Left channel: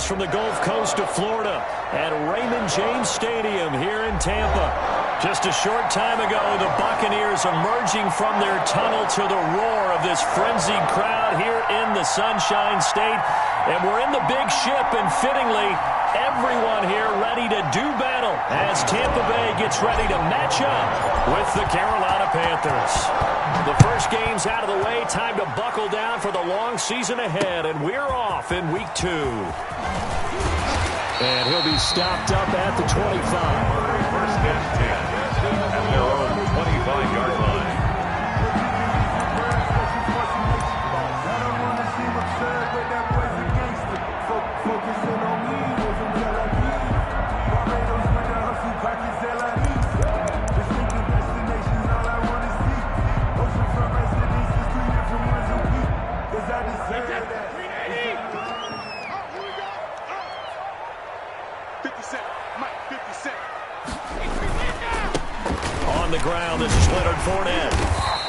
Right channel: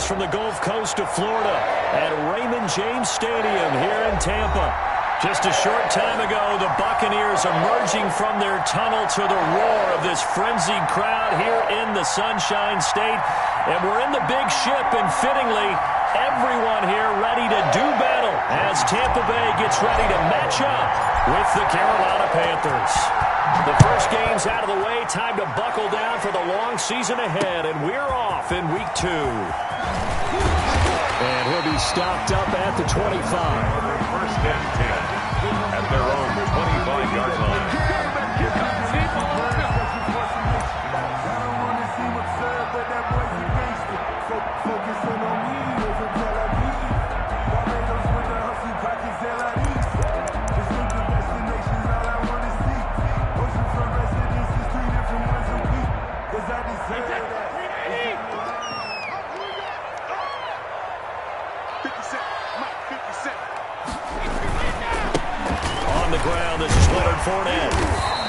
miles from the Gulf Coast of Florida at Raymond James Stadium here in Tampa. Just a short time ago, the Buccaneers emerging from their tunnel to the roar of this frenzied crowd here in the Sunshine State. And we're in the big ship, and fittingly, everyone here ready to do battle as Tampa Bay gets ready to match up with the Carolina Panthers. The first game's out of the way. Time to buckle down for the long season ahead, and we're off in week 2. And he'll be stopped up at the 25. First and 10 at their own 25-yard line. Focusing on me, from Tel Aviv. Barbados with the hustle, pockets distinctive destinations, all I want to see. Oceanfront residences, 3 different ones a week. Cause I deserve that. 57, Mike, 57. On the ground, this is Leonard Fournette.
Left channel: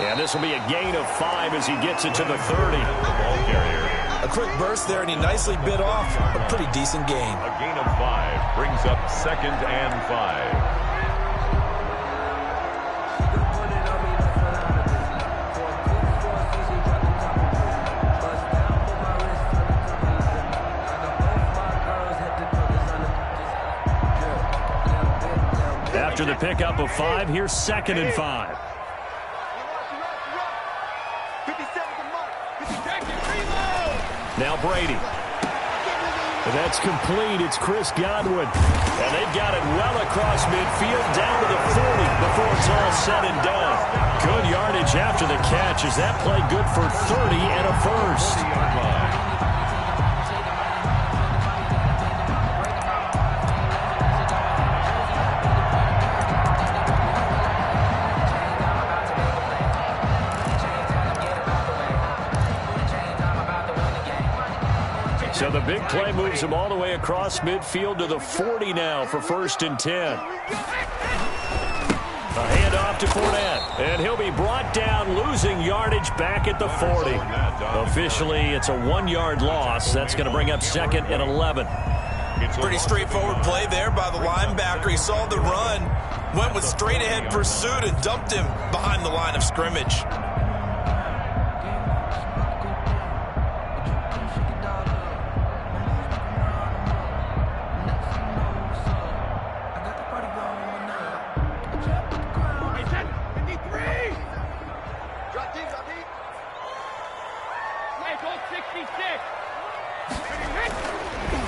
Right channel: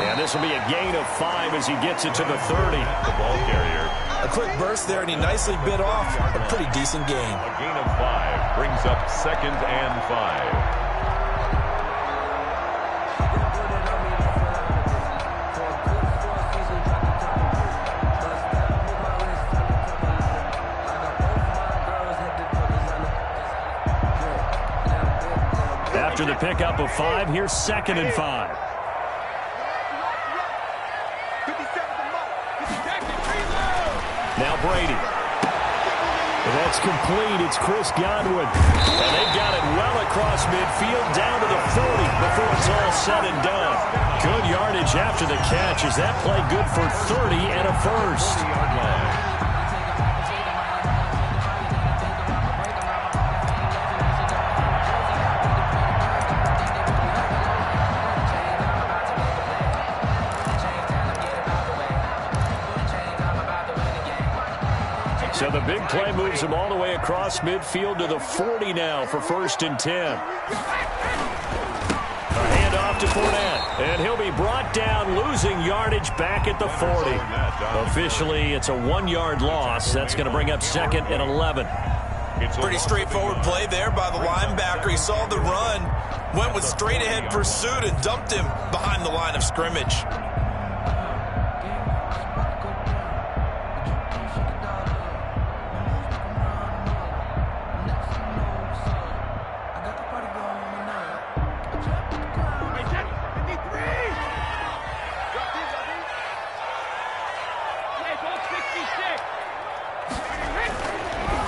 And this will be a gain of 5 as he gets it to the 30. The ball carrier. A quick burst there, and he nicely bit off a pretty decent gain. A gain of 5 brings up 2nd and 5. After the pickup of 5, here's 2nd and 5. Now Brady. That's complete. It's Chris Godwin. And they've got it well across midfield down to the 40 before it's all said and done. Good yardage after the catch. Is that play good for 30 and a first? 40-yard line. So the big play moves him all the way across midfield to the 40 now for 1st and 10. A handoff to Fournette, and he'll be brought down, losing yardage back at the 40. Officially, it's a 1-yard loss. That's going to bring up 2nd and 11. Pretty straightforward play there by the linebacker. He saw the run, went with straight-ahead pursuit, and dumped him behind the line of scrimmage.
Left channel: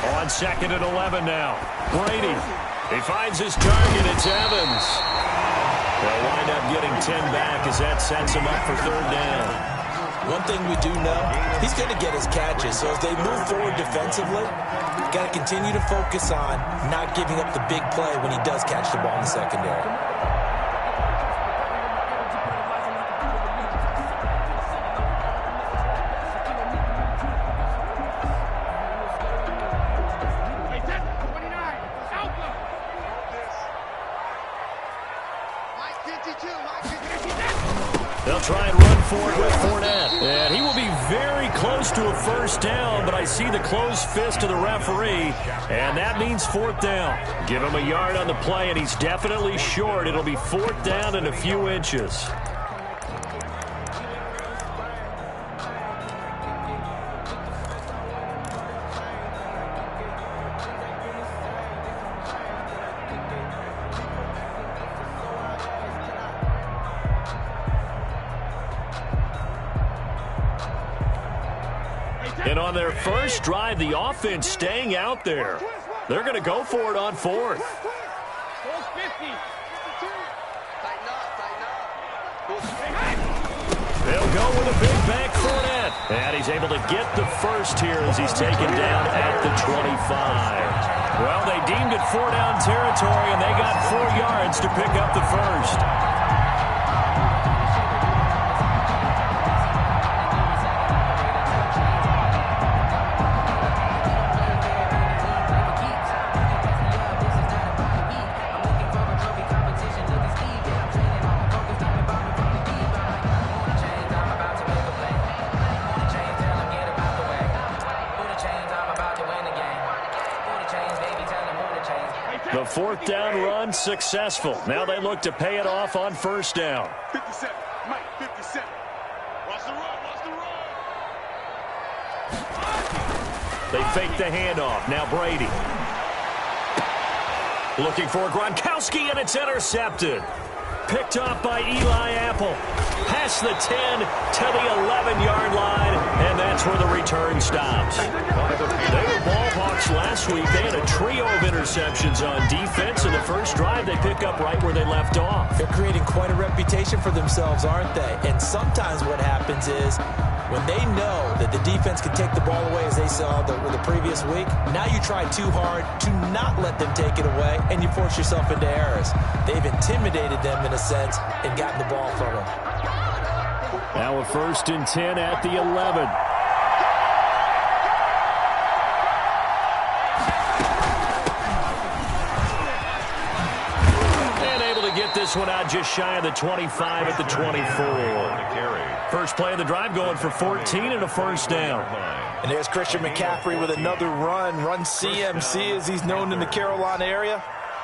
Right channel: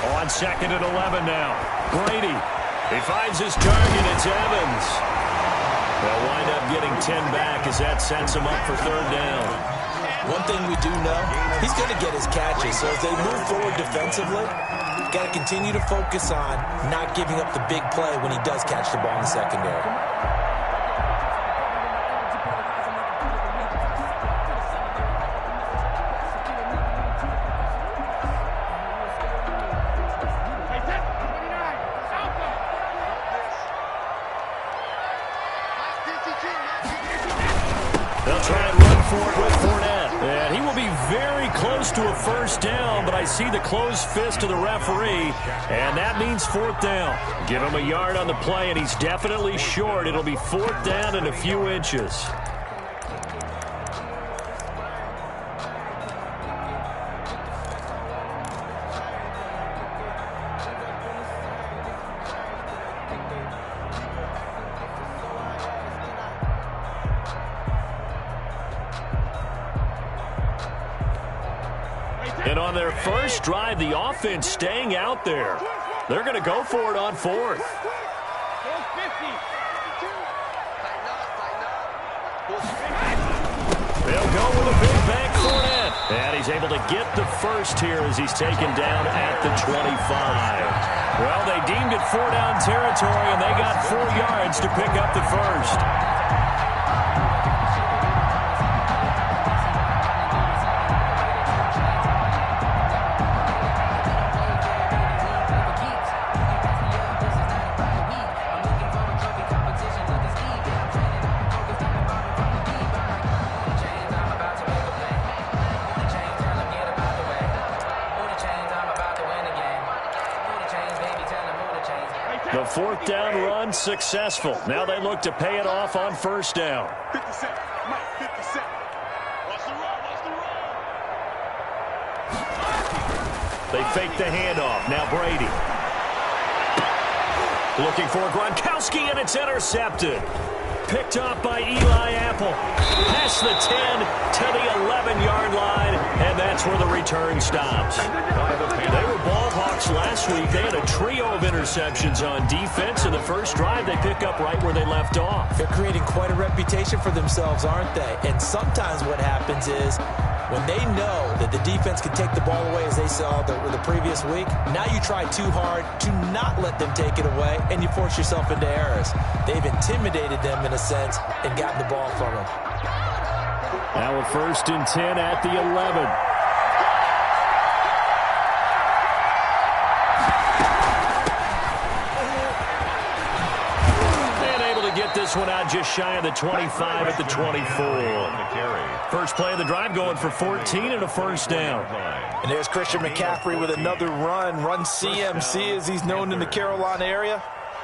On 2nd and 11 now. Brady. He finds his target. It's Evans. They'll wind up getting 10 back as that sets him up for 3rd down. One thing we do know, he's going to get his catches. So as they move forward defensively, got to continue to focus on not giving up the big play when he does catch the ball in the secondary. They'll try and run for it with Fournette. And he will be very close to a 1st down, but I see the closed fist of the referee, and that means 4th down. Give him a yard on the play, and he's definitely short. It'll be 4th down and a few inches. And on their first drive, the offense staying out there. They're going to go for it on 4th. They'll go with a big bank Fournette. And he's able to get the first here as he's taken down at the 25. Well, they deemed it 4-down territory, and they got 4 yards to pick up the first. The fourth down run successful. Now they look to pay it off on first down. 57. Mike, 57. Watch the run. Watch the run. They fake the handoff. Now Brady. Looking for Gronkowski, and it's intercepted. Picked off by Eli Apple. Past the 10 to the 11-yard line, and that's where the return stops. They were ball hawks last week. They had a trio of interceptions on defense. In the first drive, they pick up right where they left off. They're creating quite a reputation for themselves, aren't they? And sometimes what happens is when they know that the defense can take the ball away, as they saw the previous week, now you try too hard to not let them take it away, and you force yourself into errors. They've intimidated them in a sense and gotten the ball from them. Now a 1st and 10 at the 11. Get this one out just shy of the 25 at the 24. First play of the drive going for 14 and a first down. And there's Christian McCaffrey with another run CMC as he's known in the Carolina area.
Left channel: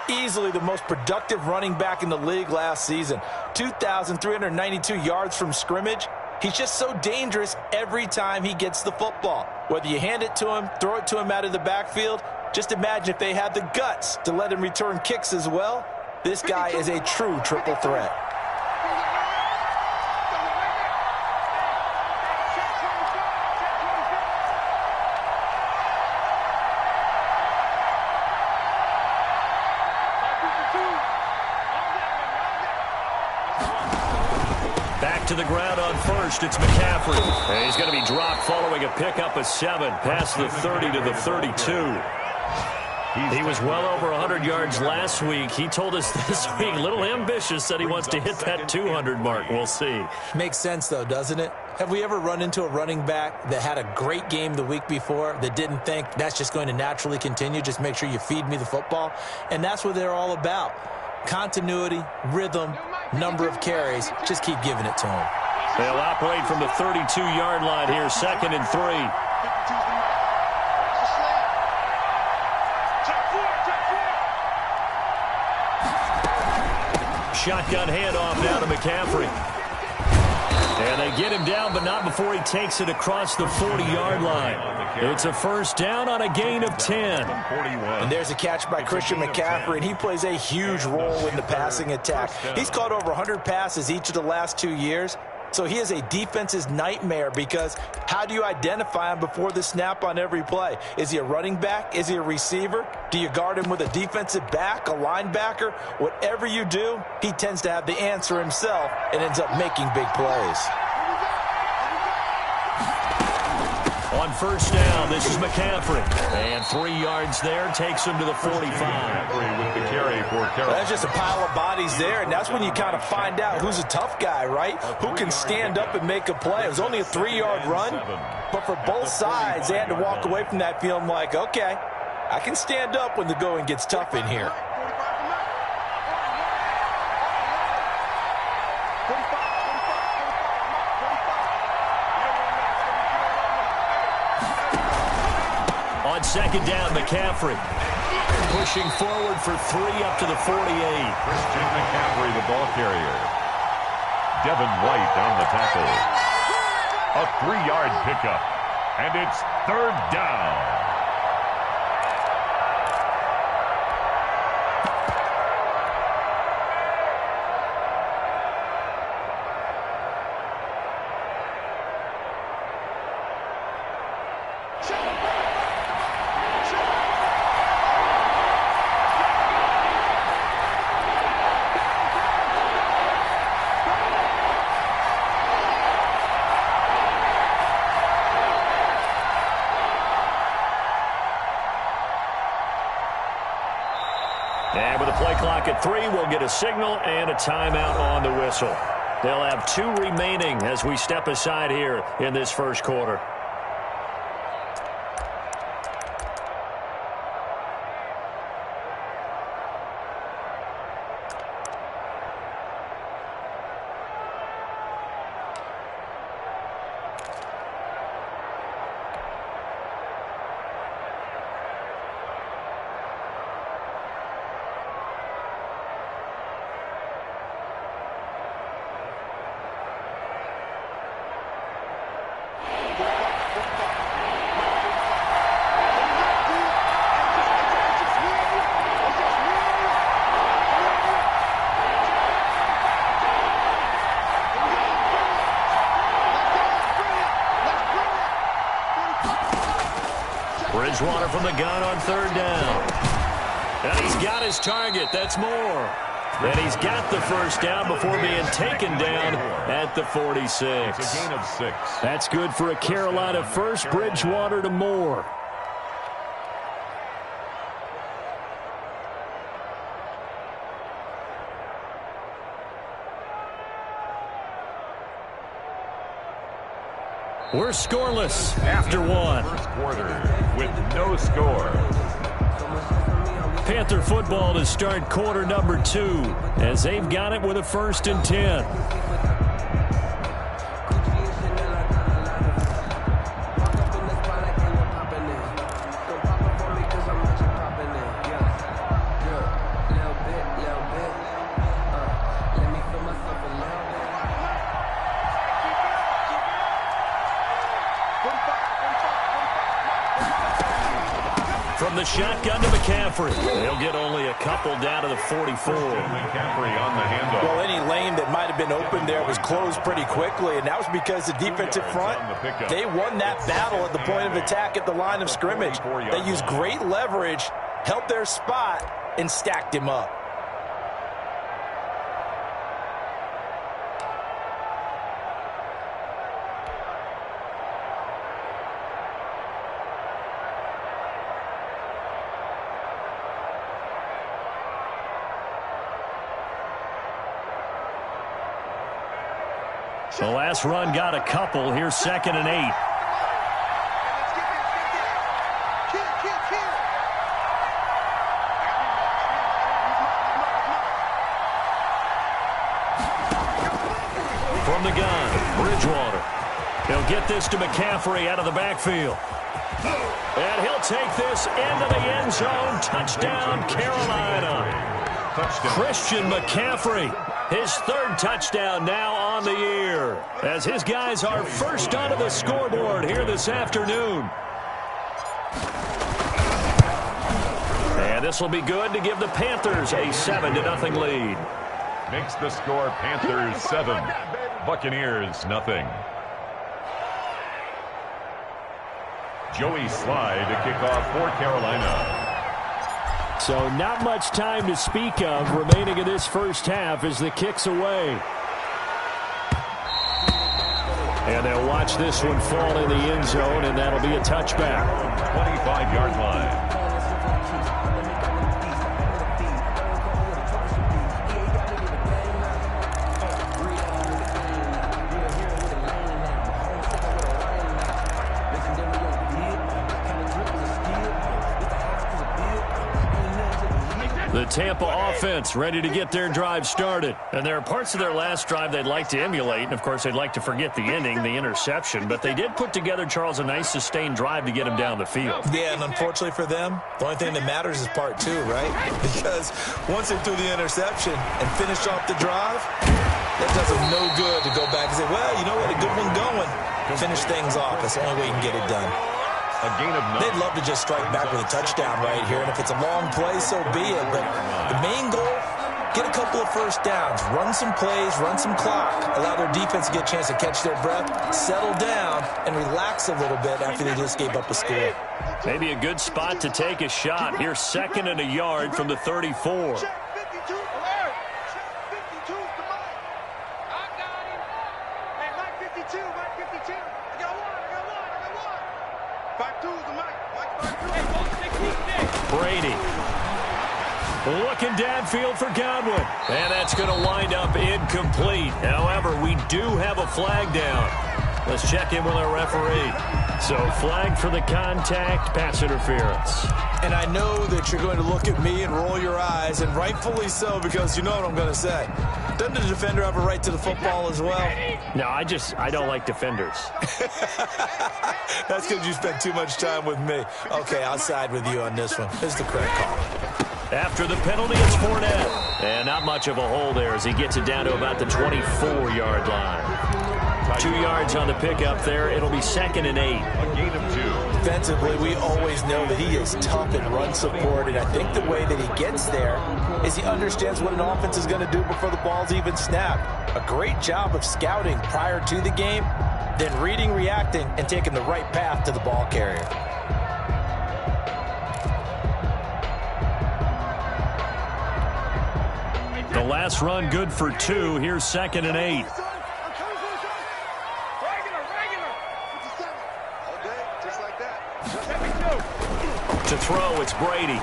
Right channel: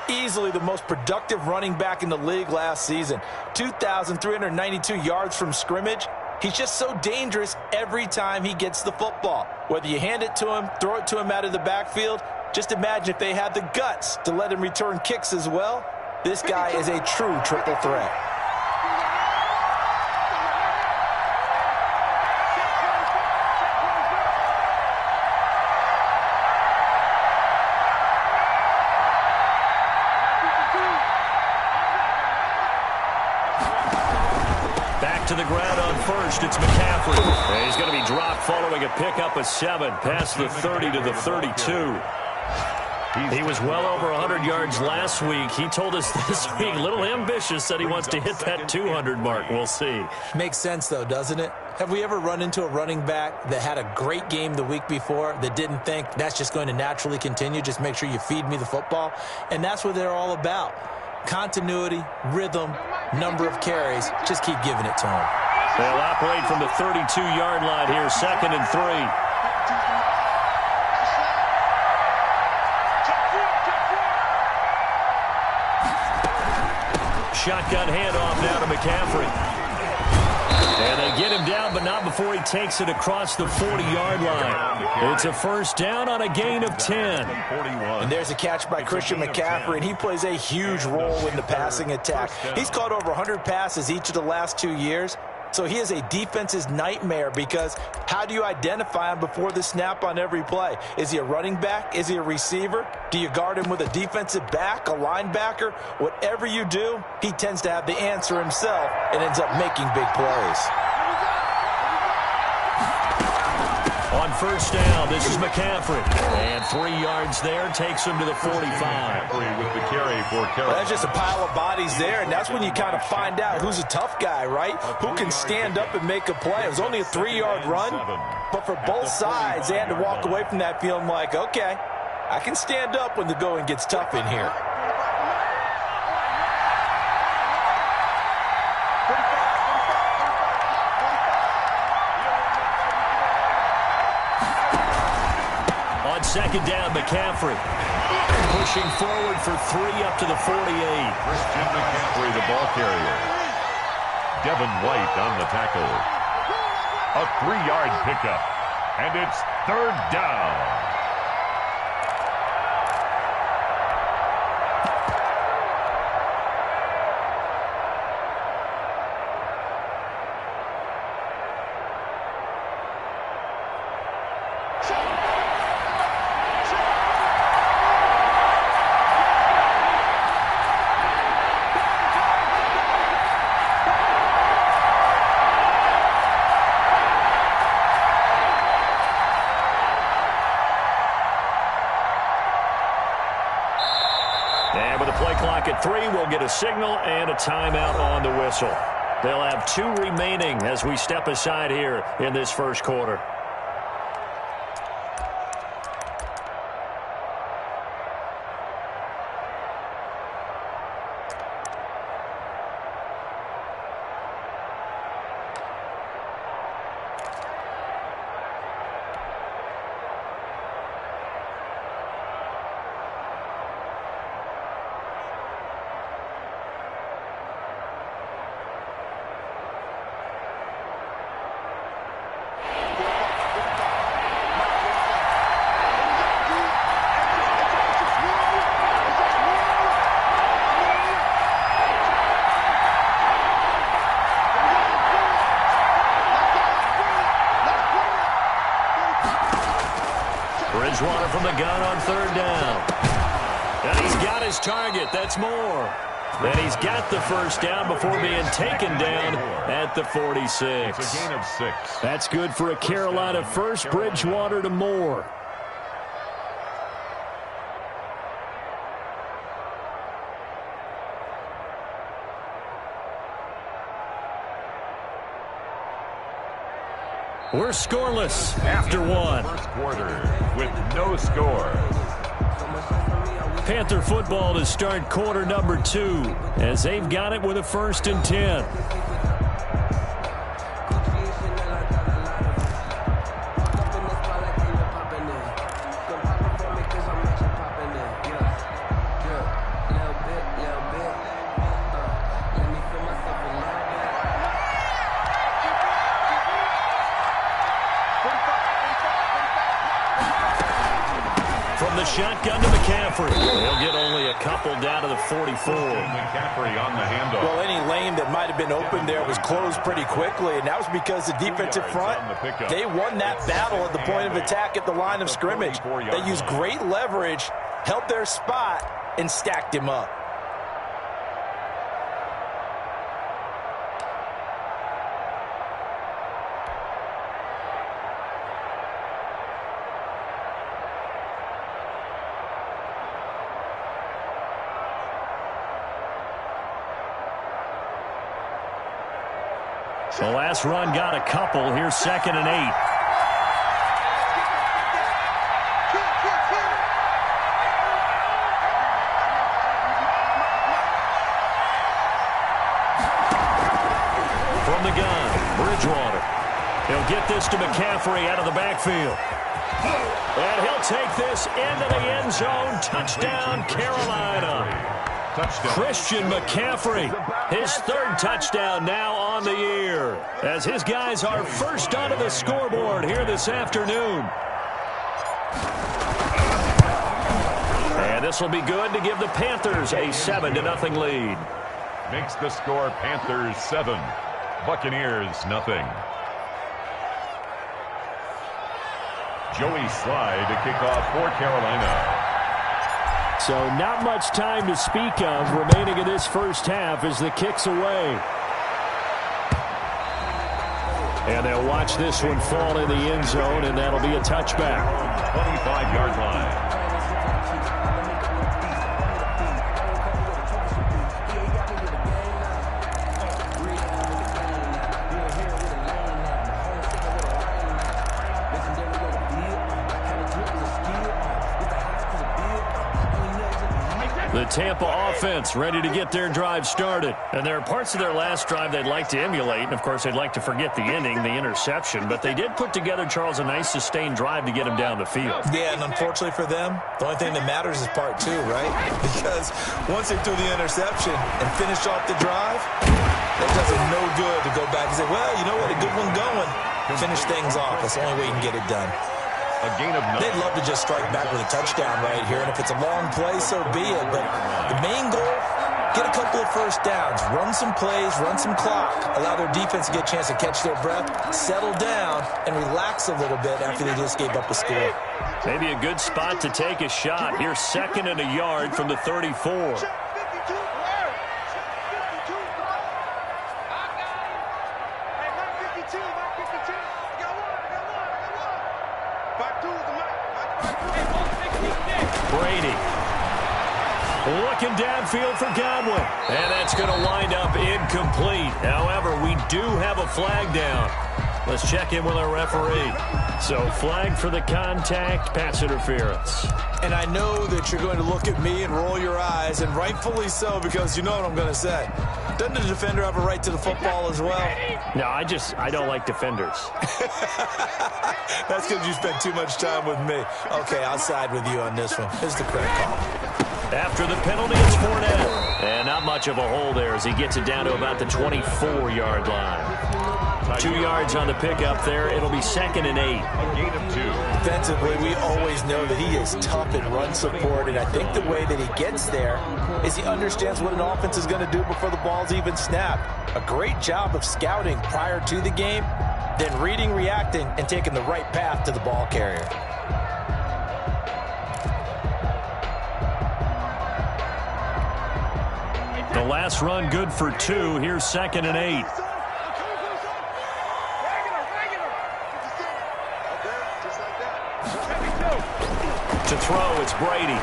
Easily the most productive running back in the league last season. 2,392 yards from scrimmage. He's just so dangerous every time he gets the football. Whether you hand it to him, throw it to him out of the backfield, just imagine if they had the guts to let him return kicks as well. This guy is a true triple threat. Back to the ground on first. It's McCaffrey. And he's going to be dropped following a pickup of 7 past the 30 to the 32. He was well over 100 yards last week. He told us this week, a little ambitious, that he wants to hit that 200 mark. We'll see. Makes sense, though, doesn't it? Have we ever run into a running back that had a great game the week before that didn't think that's just going to naturally continue? Just make sure you feed me the football. And that's what they're all about. Continuity, rhythm, number of carries. Just keep giving it to them. They'll operate from the 32-yard line here, 2nd and 3. Shotgun handoff now to McCaffrey. And they get him down, but not before he takes it across the 40-yard line. It's a first down on a gain of 10. And there's a catch by Christian McCaffrey, and he plays a huge role in the passing attack. He's caught over 100 passes each of the last 2 years. So he is a defense's nightmare because how do you identify him before the snap on every play? Is he a running back? Is he a receiver? Do you guard him with a defensive back, a linebacker? Whatever you do, he tends to have the answer himself and ends up making big plays. On first down, this is McCaffrey. And 3 yards there, takes him to the 45. With the carry for Carolina. Well, that's just a pile of bodies there, and that's when you kind of find out who's a tough guy, right? Who can stand up and make a play. It was only a 3-yard run, but for both sides, they had to walk away from that feeling like, okay, I can stand up when the going gets tough in here. On second down, McCaffrey pushing forward for 3 up to the 48. Christian McCaffrey, the ball carrier. Devin White on the tackle. A 3-yard pickup, and it's 3rd down. And with a play clock at 3, we'll get a signal and a timeout on the whistle. They'll have 2 remaining as we step aside here in this first quarter. Bridgewater from the gun on 3rd down. And he's got his target. That's more. And he's got the first down before being taken down at the 46. It's a gain of 6. That's good for a Carolina first. Bridgewater to Moore. We're scoreless after 1. First quarter with no score. Panther football to start quarter number 2 as they've got it with a 1st and 10. From the shotgun to McCaffrey. They'll get only a couple down to the 44. McCaffrey on the handoff. Well, any lane that might have been open there was closed pretty quickly, and that was because the defensive front, they won that battle at the point of attack at the line of scrimmage. They used great leverage, held their spot, and stacked him up. The last run got a couple. Here's 2nd and 8. From the gun, Bridgewater. He'll get this to McCaffrey out of the backfield. And he'll take this into the end zone. Touchdown, Carolina. Touchdown. Christian McCaffrey, his 3rd touchdown now on the year, as his guys are first onto the scoreboard here this afternoon. And this will be good to give the Panthers a 7-0 lead. Makes the score Panthers 7, Buccaneers nothing. Joey Slye to kick off for Carolina. So not much time to speak of remaining in this first half as the kick's away. And they'll watch this one fall in the end zone, and that'll be a touchback. 25-yard line. The Tampa offense ready to get their drive started. And there are parts of their last drive they'd like to emulate. And, of course, they'd like to forget the ending, the interception. But they did put together, Charles, a nice sustained drive to get him down the field. Yeah, and unfortunately for them, the only thing that matters is part 2, right? Because once they threw the interception and finished off the drive, that does them no good to go back and say, well, you know what, a good one going. Finish things off. That's the only way you can get it done. A gain of 9. They'd love to just strike back with a touchdown right here, and if it's a long play, so be it. But the main goal, get a couple of first downs, run some plays, run some clock, allow their defense to get a chance to catch their breath, settle down, and relax a little bit after they just gave up a score. Maybe a good spot to take a shot. Here's 2nd and a yard from the 34. Brady looking downfield for Godwin. And that's going to wind up incomplete. However, we do have a flag down. Let's check in with our referee. So, flag for the contact, pass interference. And I know that you're going to look at me and roll your eyes, and rightfully so, because you know what I'm going to say. Doesn't the defender have a right to the football as well? No, I don't like defenders. That's because you spent too much time with me. Okay, I'll side with you on this one. This is the correct call. After the penalty, it's Fournette. And not much of a hole there as he gets it down to about the 24-yard line. 2 yards on the pickup there. It'll be 2nd and 8. A gain of 2. Defensively, we always know that he is tough in run support, and I think the way that he gets there is he understands what an offense is going to do before the ball's even snapped. A great job of scouting prior to the game, then reading, reacting, and taking the right path to the ball carrier. The last run good for 2. Here's 2nd and 8. To throw, it's Brady.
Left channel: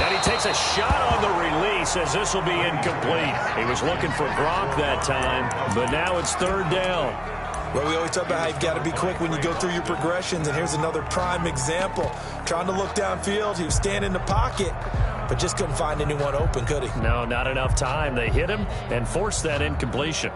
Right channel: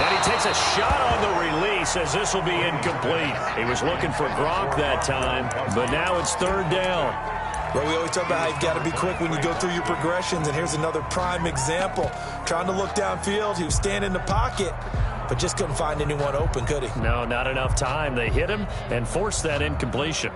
And he takes a shot on the release as this will be incomplete. He was looking for Gronk that time, but now it's 3rd down. Well, we always talk about how you've got to be quick when you go through your progressions, and here's another prime example. Trying to look downfield, he was standing in the pocket, but just couldn't find anyone open, could he? No, not enough time. They hit him and forced that incompletion.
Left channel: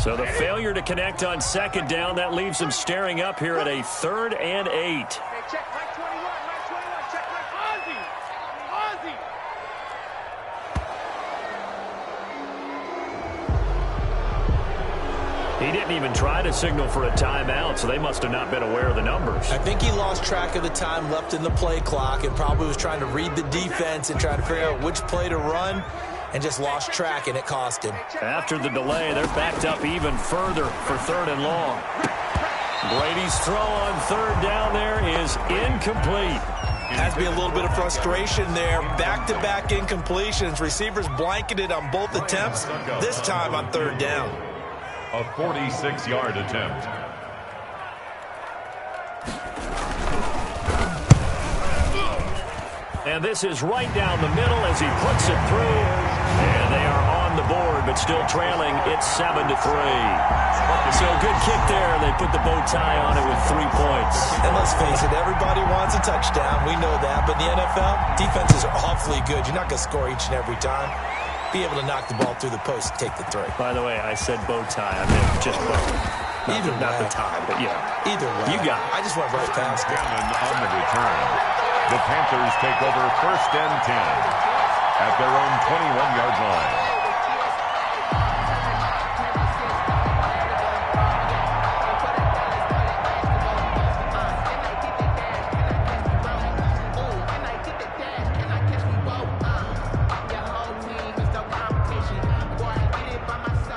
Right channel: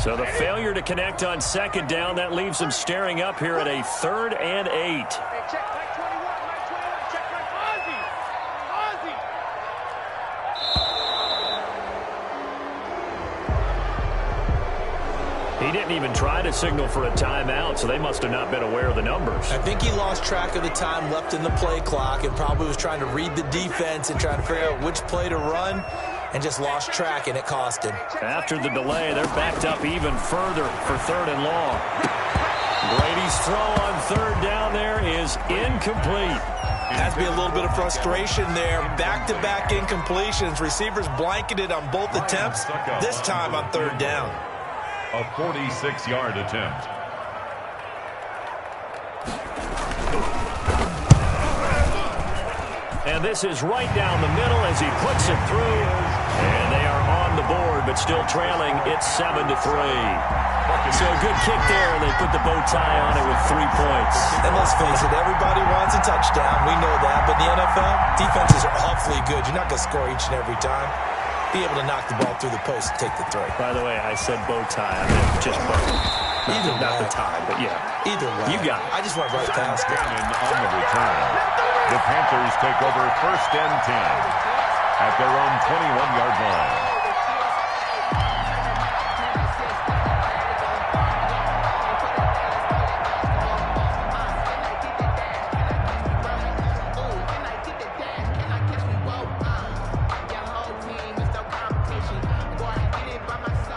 So the failure to connect on 2nd down, that leaves them staring up here at a 3rd and 8. Hey, check Mike 21, check Mike Ozzie. He didn't even try to signal for a timeout, so they must have not been aware of the numbers. I think he lost track of the time left in the play clock and probably was trying to read the defense and try to figure out which play to run, and just lost track, and it cost him. After the delay, they're backed up even further for 3rd and long. Brady's throw on 3rd down there is incomplete. Has to be a little bit of frustration there. Back-to-back incompletions. Receivers blanketed on both attempts, this time on 3rd down. A 46-yard attempt. And this is right down the middle as he puts it through. And they are on the board, but still trailing. It's 7-3. So a good kick there. They put the bow tie on it with 3 points. And let's face it, everybody wants a touchdown. We know that. But in the NFL, defenses are awfully good. You're not going to score each and every time. Be able to knock the ball through the post and take the 3. By the way, I said bow tie. I meant just bow. Not the tie, but yeah. Either way. You got it. I just went right past it. On the return. The Panthers take over 1st and 10 at their own 21-yard line.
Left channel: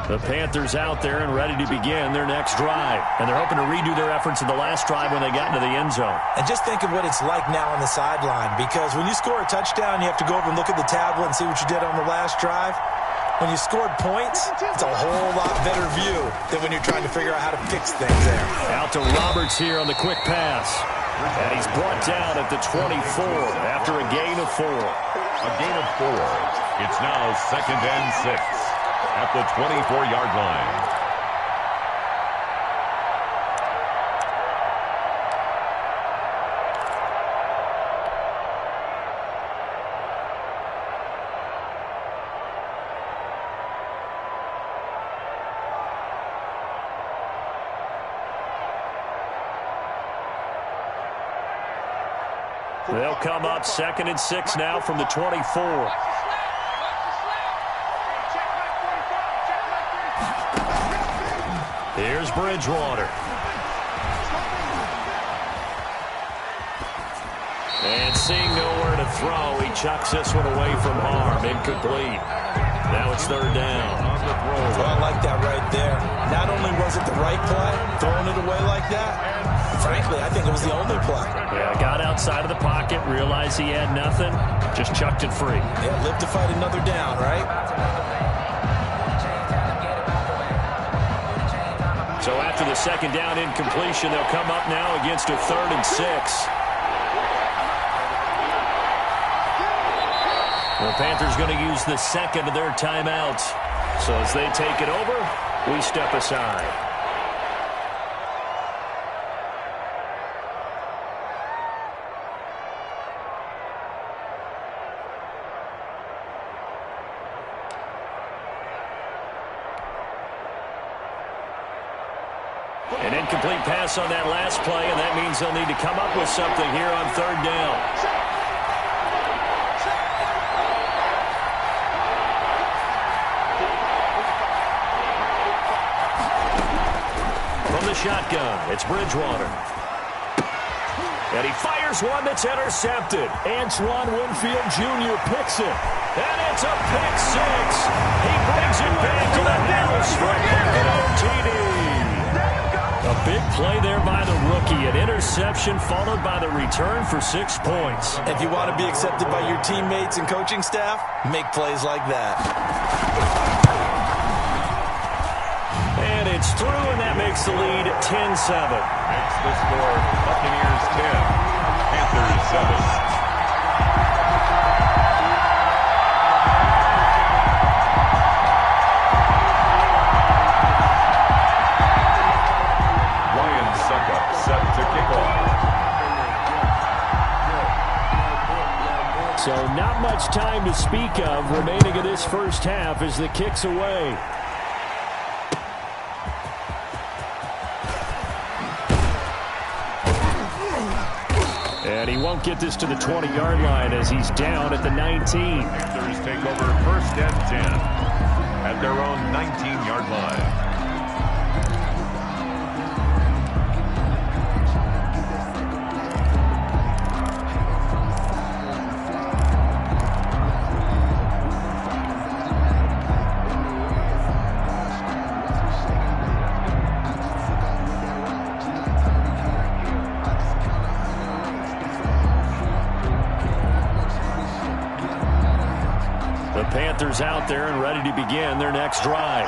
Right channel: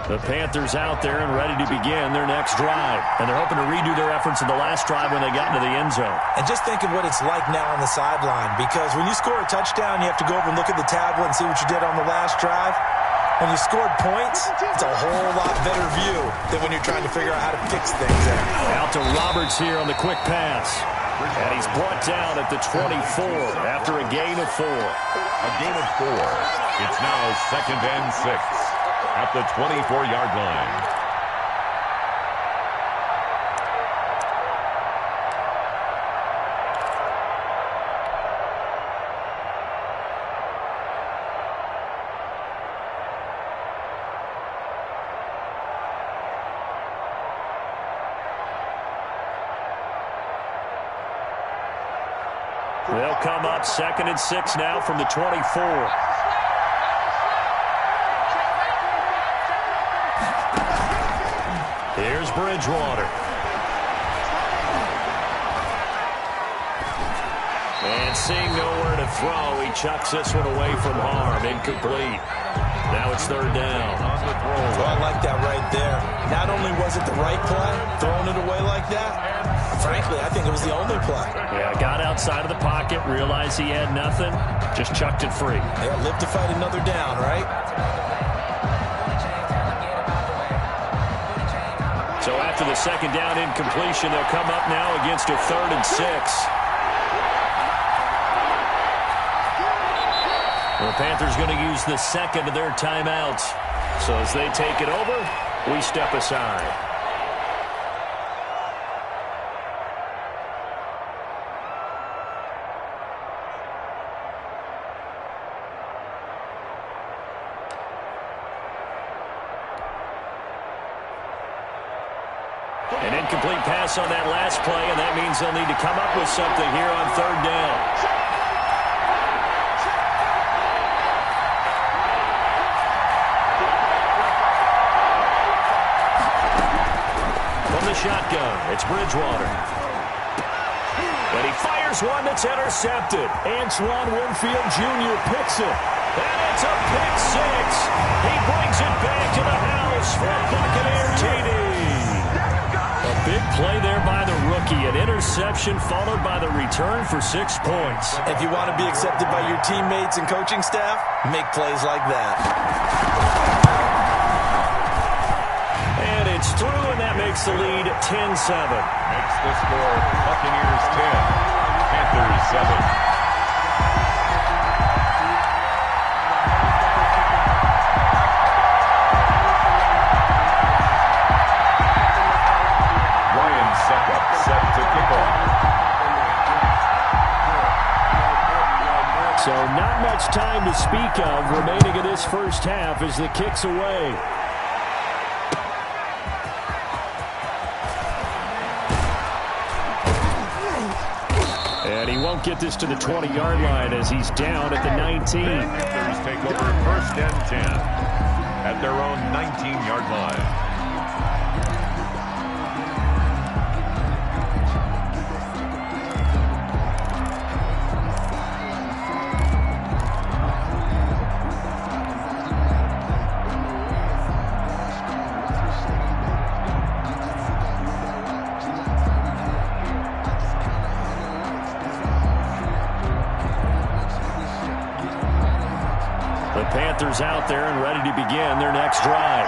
The Panthers out there and ready to begin their next drive. And they're hoping to redo their efforts in the last drive when they got into the end zone. And just think of what it's like now on the sideline, because when you score a touchdown, you have to go over and look at the tablet and see what you did on the last drive. When you scored points, it's a whole lot better view than when you're trying to figure out how to fix things there. Out to Roberts here on the quick pass. And he's brought down at the 24 after a gain of 4. A gain of 4. It's now 2nd and 6 at the 24-yard line. They'll come up 2nd and 6 now from the 24. Here's Bridgewater. And seeing nowhere to throw, he chucks this one away from harm. Incomplete. Now it's 3rd down. Well, I like that right there. Not only was it the right play, throwing it away like that, frankly, I think it was the only play. Yeah, got outside of the pocket, realized he had nothing, just chucked it free. Yeah, live to fight another down, right? So after the 2nd down incompletion, they'll come up now against a 3rd and 6. The Panthers going to use the 2nd of their timeouts. So as they take it over, we step aside. An incomplete pass on that last play, and that means they'll need to come up with something here on 3rd down. From the shotgun, it's Bridgewater. And he fires one that's intercepted. Antoine Winfield Jr. picks it. And it's a pick six. He brings it back to the house for a Buccaneer TD. A big play there by the rookie. An interception followed by the return for 6 points. If you want to be accepted by your teammates and coaching staff, make plays like that. And it's through, and that makes the lead 10-7. Makes the score Buccaneers 10, Panthers 7. Set to kick off. So not much time to speak of remaining in this first half as the kick's away. And he won't get this to the 20-yard line as he's down at the 19. Panthers take over 1st and 10 at their own 19-yard line. The Panthers out there and ready to begin their next drive.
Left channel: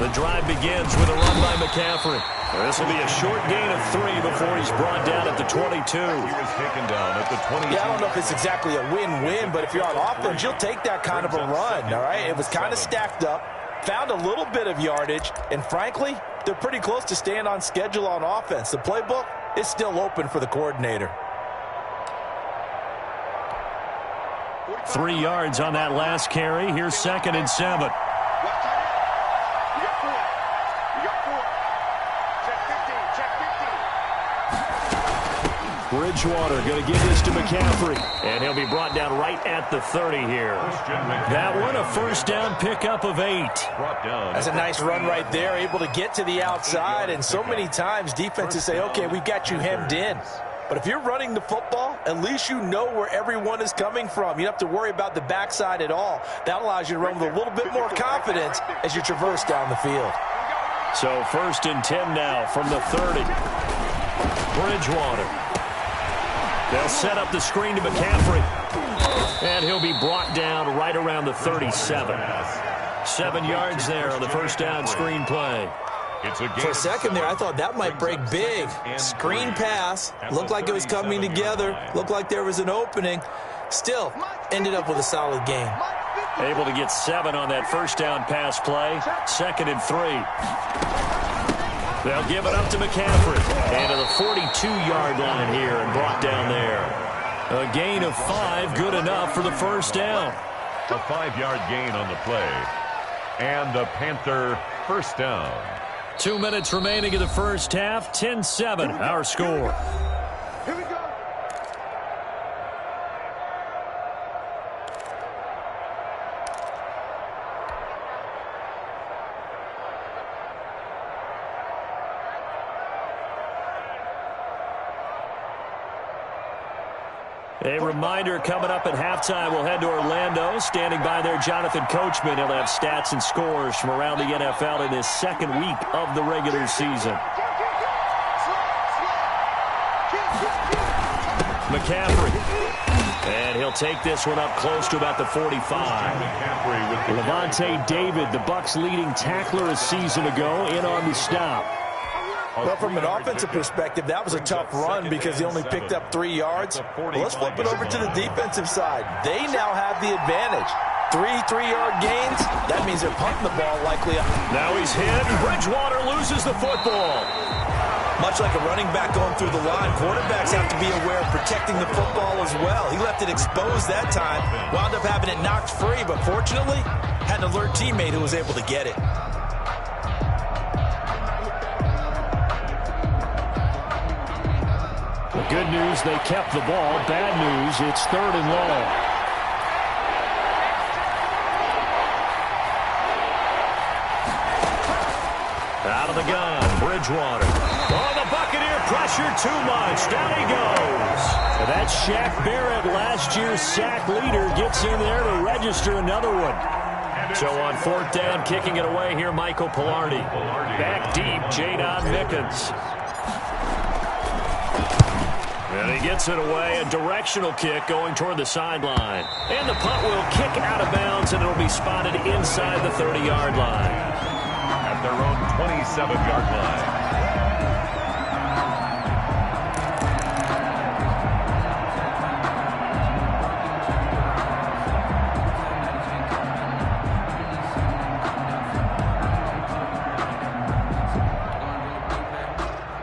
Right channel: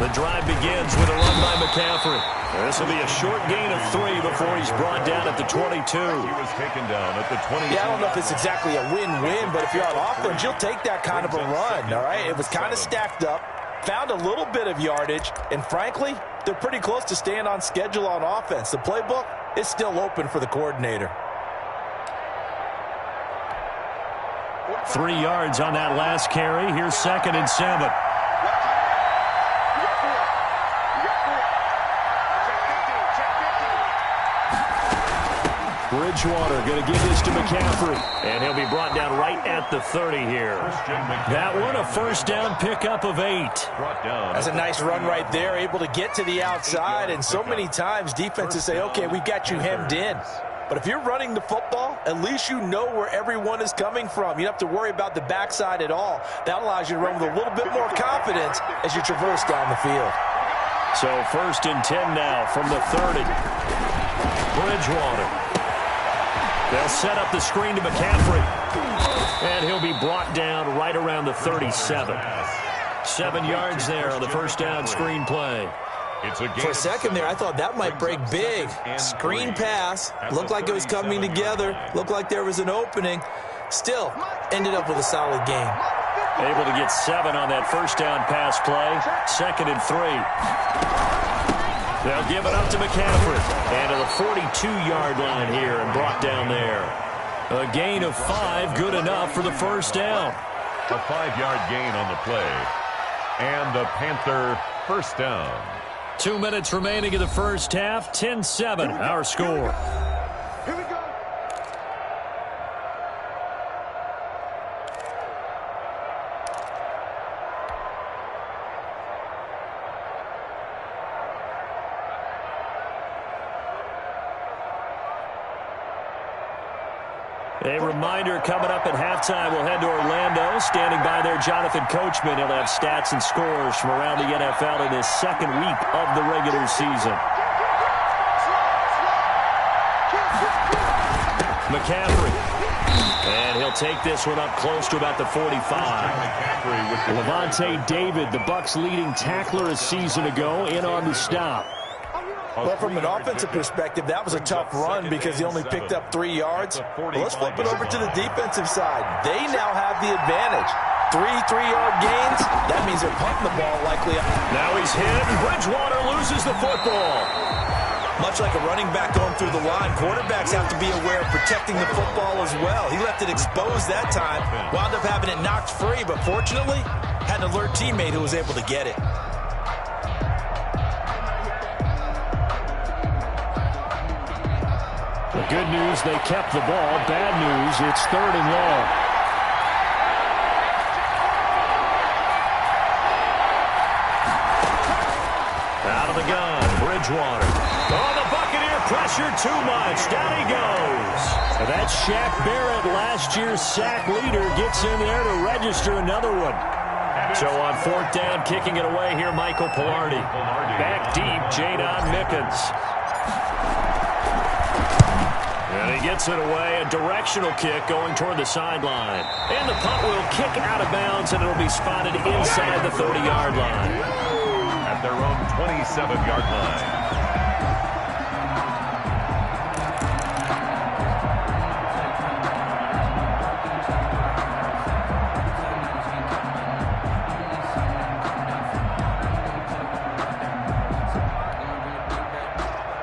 The drive begins with a run by McCaffrey. This will be a short gain of 3 before he's brought down at the 22. He was taken down at the 22. Yeah, I don't know if it's exactly a win-win, but if you're on offense, you'll take that kind of a run, all right? It was kind of stacked up, found a little bit of yardage, and frankly, they're pretty close to staying on schedule on offense. The playbook is still open for the coordinator. 3 yards on that last carry. Here's 2nd and 7. Bridgewater going to give this to McCaffrey, and he'll be brought down right at the 30 here. That one, a first down pickup of 8. That's a nice run right there, able to get to the outside, and so many times defenses say, okay, we've got you hemmed in. But if you're running the football, at least you know where everyone is coming from. You don't have to worry about the backside at all. That allows you to run with a little bit more confidence as you traverse down the field. So 1st and 10 now from the 30. Bridgewater. They'll set up the screen to McCaffrey. And he'll be brought down right around the 37. 7 yards there on the first down screen play. For a second there, I thought that might break big. Screen pass. Looked like it was coming together. Looked like there was an opening. Still, ended up with a solid game. Able to get 7 on that first down pass play. 2nd and 3. They'll give it up to McCaffrey. And to the 42-yard line here and brought down there. A gain of 5, good enough for the first down. A 5-yard gain on the play. And the Panther first down. 2 minutes remaining in the first half. 10-7, our score. Here we go. A reminder coming up at halftime, we'll head to Orlando. Standing by there, Jonathan Coachman. He'll have stats and scores from around the NFL in this second week of the regular season. McCaffrey. And he'll take this one up close to about the 45. Levante David, the Bucs' leading tackler a season ago, in on the stop. Well, from an offensive perspective, that was a tough run because he only picked up 3 yards. Well, let's flip it over to the defensive side. They now have the advantage. 3 3-yard gains. That means they're punting the ball likely. Now he's hit, and Bridgewater loses the football. Much like a running back going through the line, quarterbacks have to be aware of protecting the football as well. He left it exposed that time, wound up having it knocked free, but fortunately, had an alert teammate who was able to get it. The good news, they kept the ball. Bad news, it's 3rd and long. Out of the gun, Bridgewater. Oh, the Buccaneer pressure too much. Down he goes. And that's Shaq Barrett, last year's sack leader, gets in there to register another one. So on 4th down, kicking it away here, Michael Pilardi. Back deep, Jadon Mickens. And he gets it away, a directional kick going toward the sideline. And the punt will kick out of bounds, and it'll be spotted inside the 30-yard line. At their own 27-yard line.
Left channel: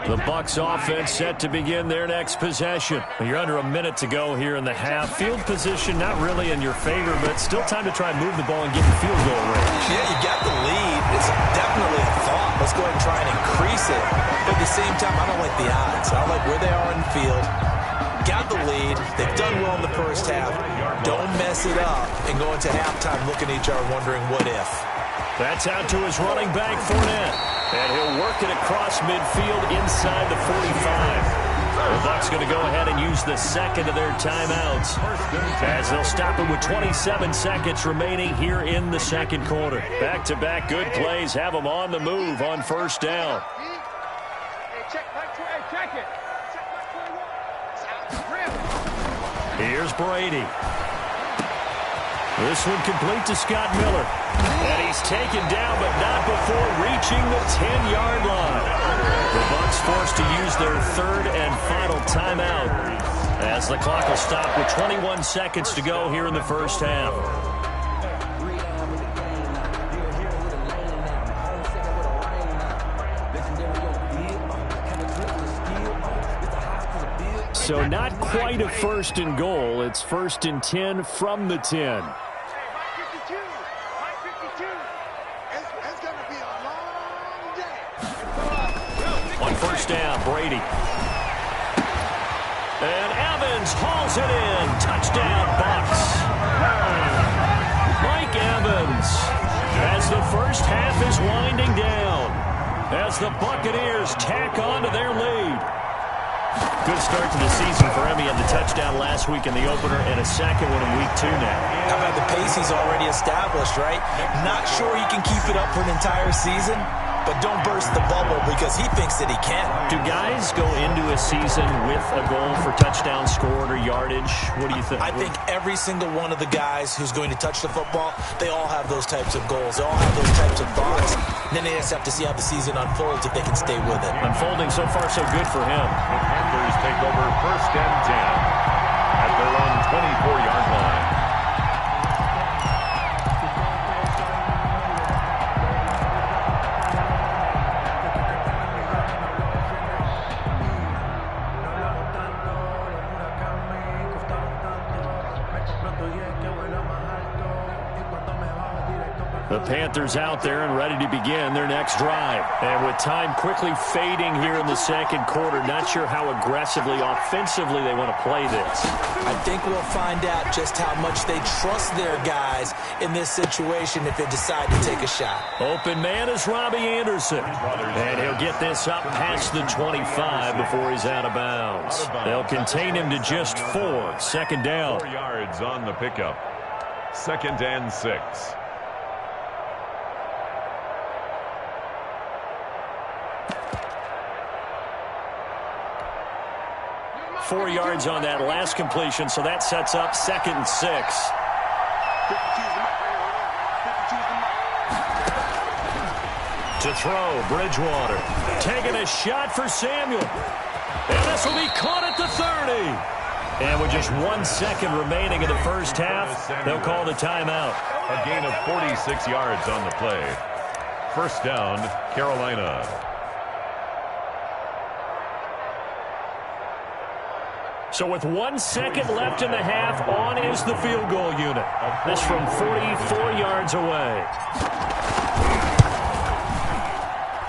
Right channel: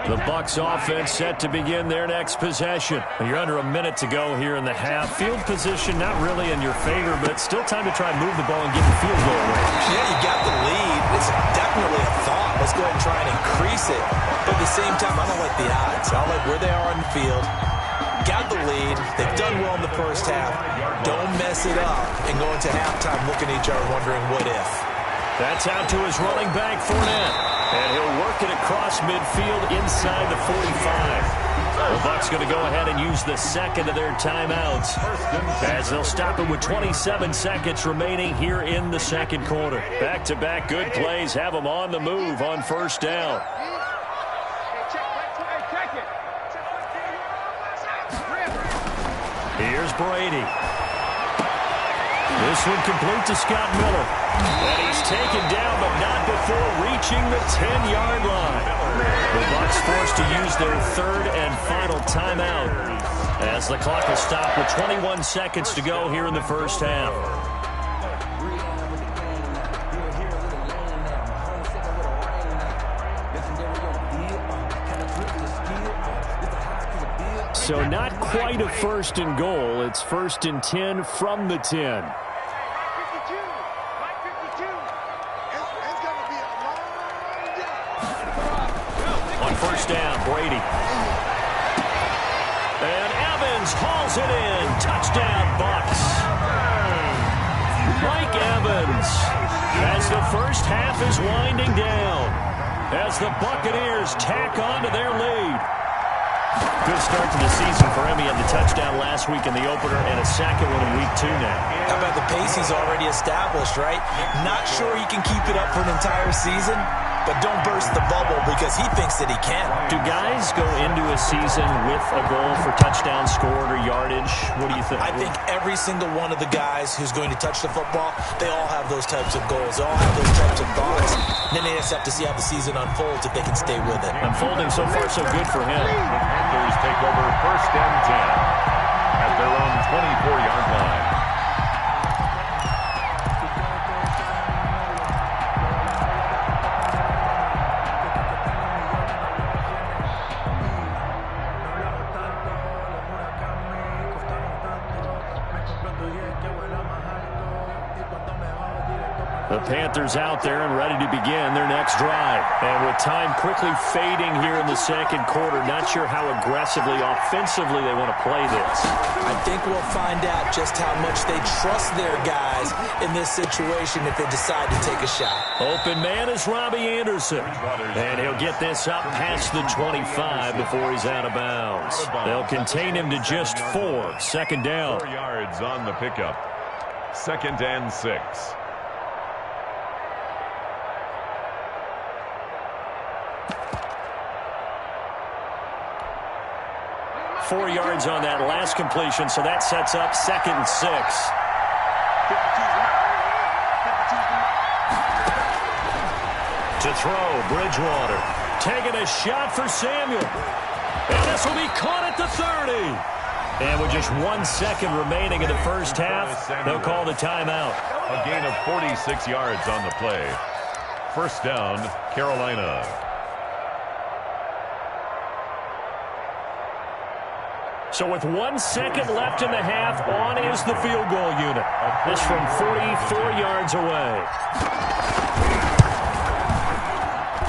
The Bucs offense set to begin their next possession. You're under a minute to go here in the half. Field position not really in your favor, but still time to try and move the ball and get in field goal range. Yeah, you got the lead. It's definitely a thought. Let's go ahead and try and increase it. But at the same time, I don't like the odds. I don't like where they are on the field. Got the lead. They've done well in the first half. Don't mess it up and go into halftime looking at each other wondering what if. That's out to his running back, Fournette. And he'll work it across midfield inside the 45. The Bucs going to go ahead and use the second of their timeouts as they'll stop it with 27 seconds remaining here in the second quarter. Back-to-back good plays have them on the move on 1st down. Here's Brady. This one complete to Scott Miller. And he's taken down, but not before reaching the 10-yard line. The Bucs forced to use their 3rd and final timeout as the clock will stop with 21 seconds to go here in the first half. So not quite a 1st and goal. It's 1st and 10 from the 10. On 1st down, Brady. And Evans hauls it in. Touchdown, Bucs. Mike Evans, as the first half is winding down, as the Buccaneers tack on to their lead. Good start to the season for him. He had the touchdown last week in the opener and a second one in week 2 now. How about the pace he's already established, right? Not sure he can keep it up for an entire season, but don't burst the bubble because he thinks that he can. Do guys go into a season with a goal for touchdown scored or yardage? What do you think? I think every single one of the guys who's going to touch the football, they all have those types of goals. They all have those types of thoughts. And then they just have to see how the season unfolds if they can stay with it. Unfolding so far so good for him. The Panthers take over 1st and 10 at their own 24-yard line. The Panthers out there and ready to begin their next drive. And with time quickly fading here in the second quarter, not sure how aggressively, offensively they want to play this. I think we'll find out just how much they trust their guys in this situation if they decide to take a shot. Open man is Robbie Anderson. And he'll get this up past the 25 before he's out of bounds. They'll contain him to just 4. 2nd down. 4 yards on the pickup. 2nd and 6. Four yards on that last completion, so that sets up 2nd and 6. To throw, Bridgewater. Taking a shot for Samuel. And this will be caught at the 30. And with just 1 second remaining in the first half, they'll call the timeout. A gain of 46 yards on the play. 1st down, Carolina. So with 1 second left in the half, on is the field goal unit. This from 44 yards away.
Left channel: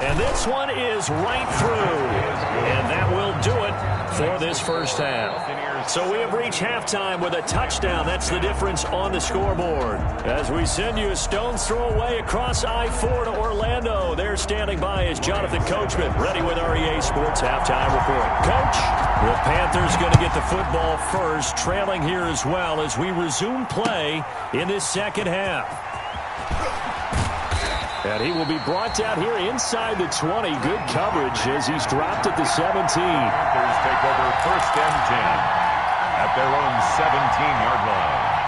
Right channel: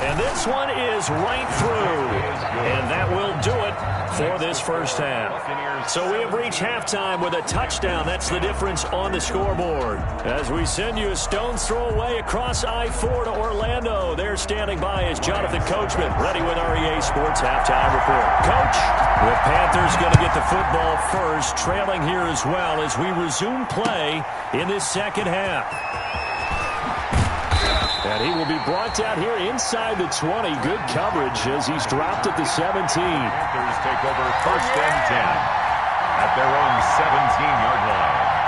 And this one is right through. And that will do it for this first half. So we have reached halftime with a touchdown. That's the difference on the scoreboard. As we send you a stone's throw away across I-4 to Orlando. There standing by is Jonathan Coachman, ready with our EA Sports Halftime Report. Coach, the Panthers going to get the football first, trailing here as well as we resume play in this second half. And he will be brought down here inside the 20. Good coverage as he's dropped at the 17. Panthers take over 1st and 10 at their own 17-yard line.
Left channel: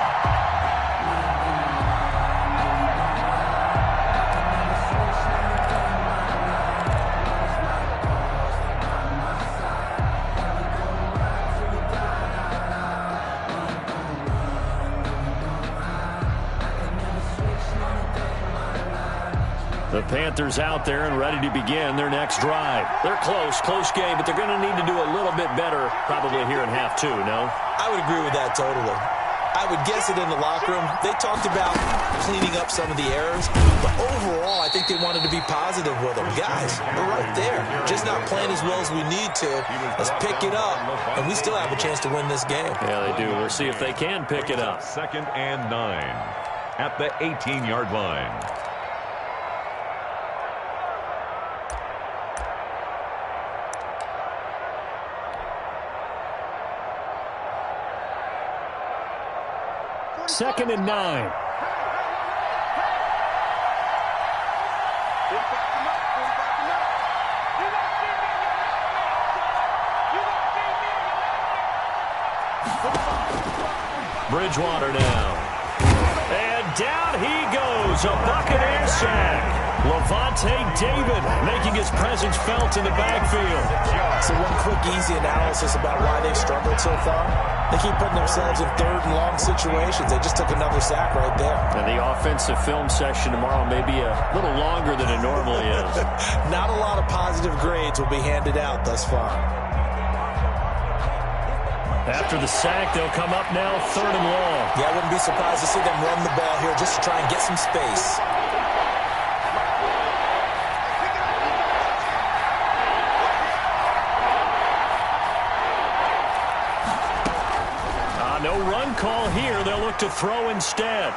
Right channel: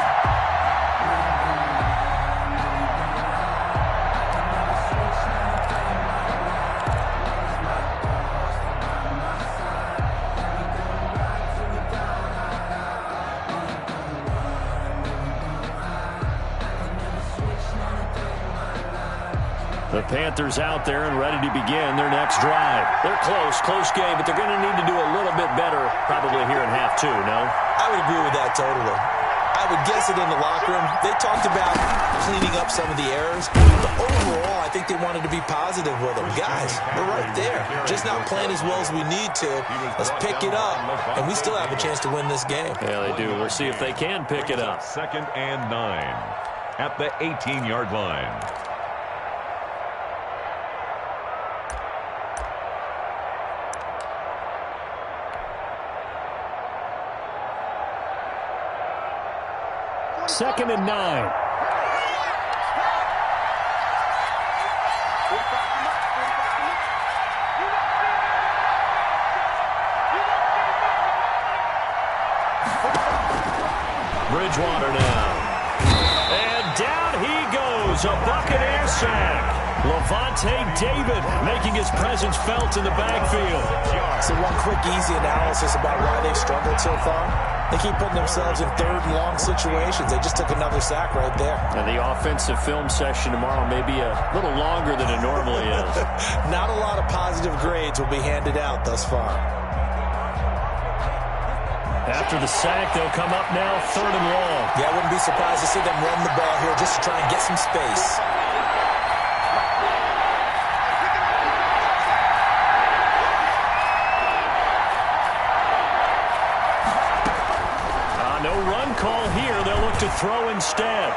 The Panthers out there and ready to begin their next drive. They're close game, but they're going to need to do a little bit better probably here in half two, no? I would agree with that totally. I would guess it in the locker room. They talked about cleaning up some of the errors, but overall, I think they wanted to be positive with them. Guys, we're right there. Just not playing as well as we need to. Let's pick it up, and we still have a chance to win this game. Yeah, they do. We'll see if they can pick it up. 2nd and 9 at the 18-yard line. Second and 9. Bridgewater now. And down he goes. A Buccaneer sack. Levante David making his presence felt in the backfield. So one quick, easy analysis about why they've struggled so far. They keep putting themselves in 3rd and long situations. They just took another sack right there. And the offensive film session tomorrow may be a little longer than it normally is. Not a lot of positive grades will be handed out thus far. After the sack, they'll come up now 3rd and long. Yeah, I wouldn't be surprised to see them run the ball here just to try and get some space. No run call here. They'll look to throw instead.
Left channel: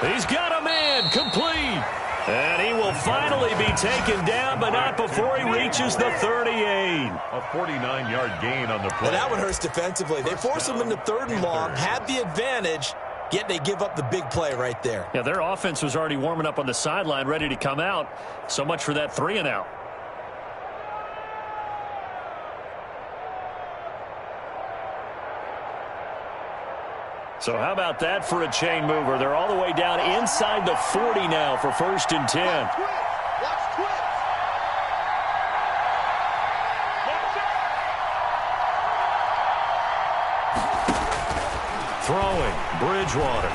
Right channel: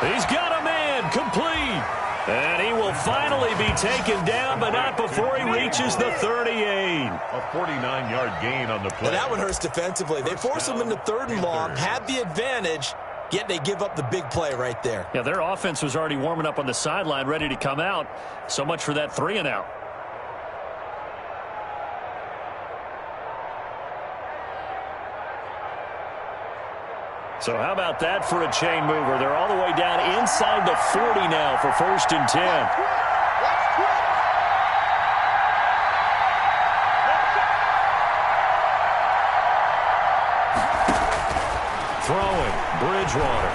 He's got a man complete. And he will finally be taken down, but not before he reaches the 38. A 49-yard gain on the play. And that one hurts defensively. They force him into 3rd and long, had the advantage, yet they give up the big play right there. Yeah, their offense was already warming up on the sideline, ready to come out. So much for that 3 and out. So how about that for a chain mover? They're all the way down inside the 40 now for 1st and 10. Throwing, Bridgewater.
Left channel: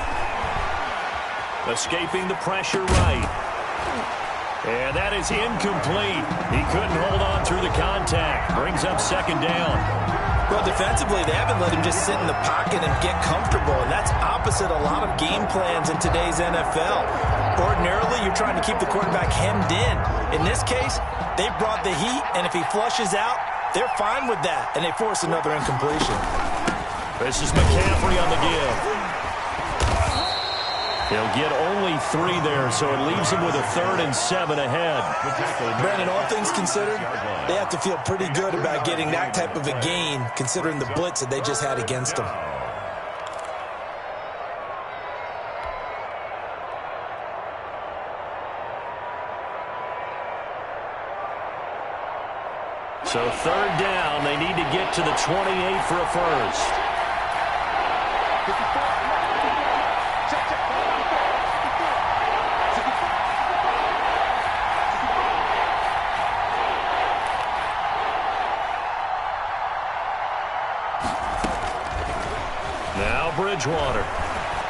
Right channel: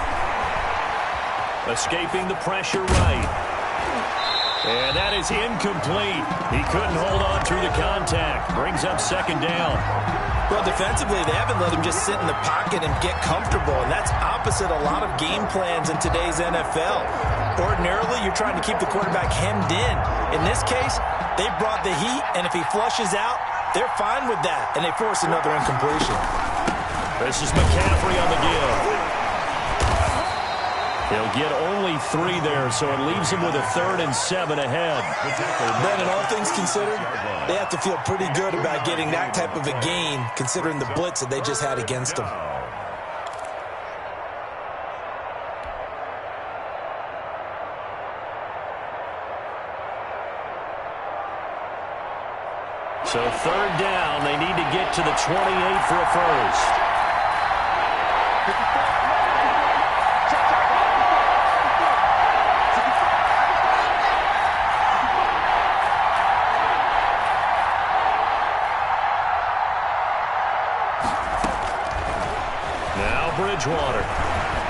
Escaping the pressure right. And that is incomplete. He couldn't hold on through the contact. Brings up 2nd down. Well, defensively, they haven't let him just sit in the pocket and get comfortable, and that's opposite a lot of game plans in today's NFL. Ordinarily, you're trying to keep the quarterback hemmed in. In this case, they brought the heat, and if he flushes out, they're fine with that, and they force another incompletion. This is McCaffrey on the give. He'll get only 3 there, so it leaves him with a 3rd and 7 ahead. Brandon, all things considered, they have to feel pretty good about getting that type of a gain, considering the blitz that they just had against them. So 3rd down, they need to get to the 28 for a first. Now Bridgewater.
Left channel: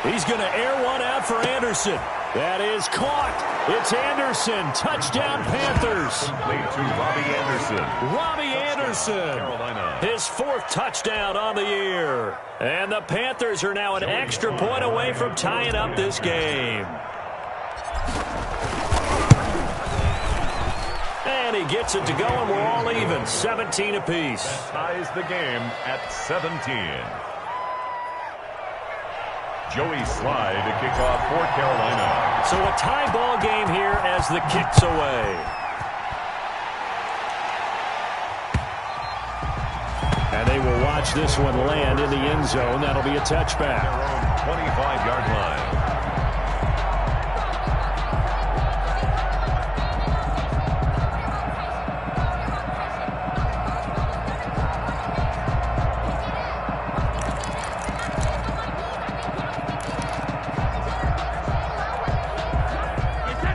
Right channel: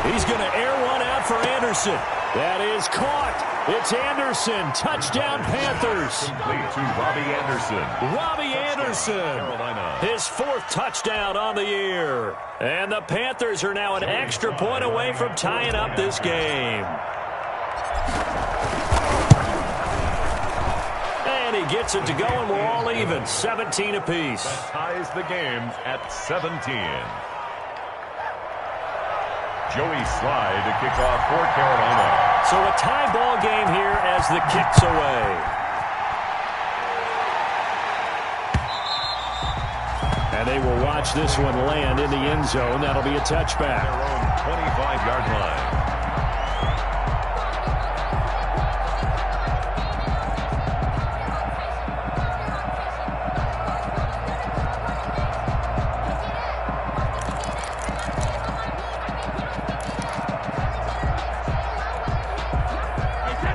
He's going to air one out for Anderson. That is caught. It's Anderson. Touchdown, Panthers. Complete to Robbie Anderson. Robbie Anderson. Carolina. His 4th touchdown on the year. And the Panthers are now an extra point away from tying up this game. And he gets it to go, and we're all even, 17 apiece. That ties the game at 17. Joey Slye to kick off for Carolina. So a tie ball game here as the kick's away. And they will watch this one land in the end zone. That'll be a touchback. Their own 25-yard line.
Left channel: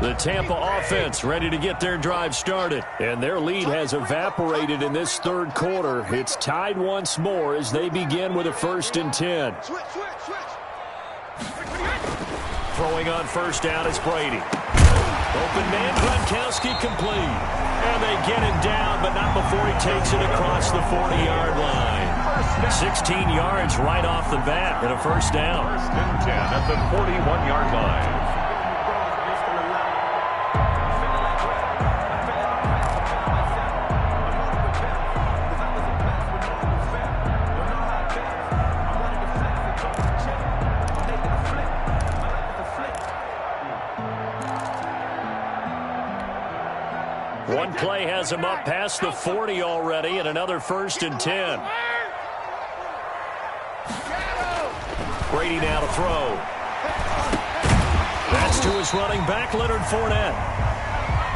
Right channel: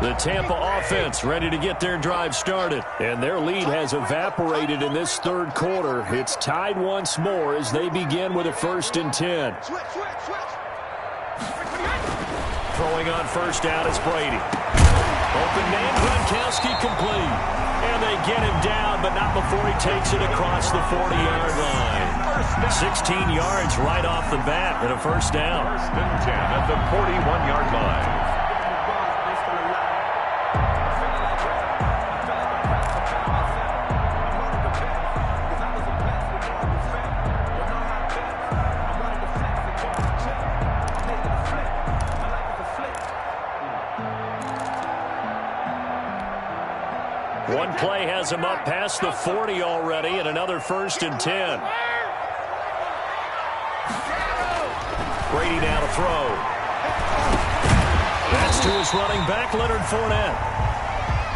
The Tampa offense ready to get their drive started. And their lead has evaporated in this third quarter. It's tied once more as they begin with a 1st and 10. Throwing on first down is Brady. Open man, Gronkowski complete. And they get him down, but not before he takes it across the 40-yard line. 16 yards right off the bat and a first down. 1st and 10 at the 41-yard line. One play has him up past the 40 already, and another 1st and 10. Brady now to throw. That's to his running back, Leonard Fournette.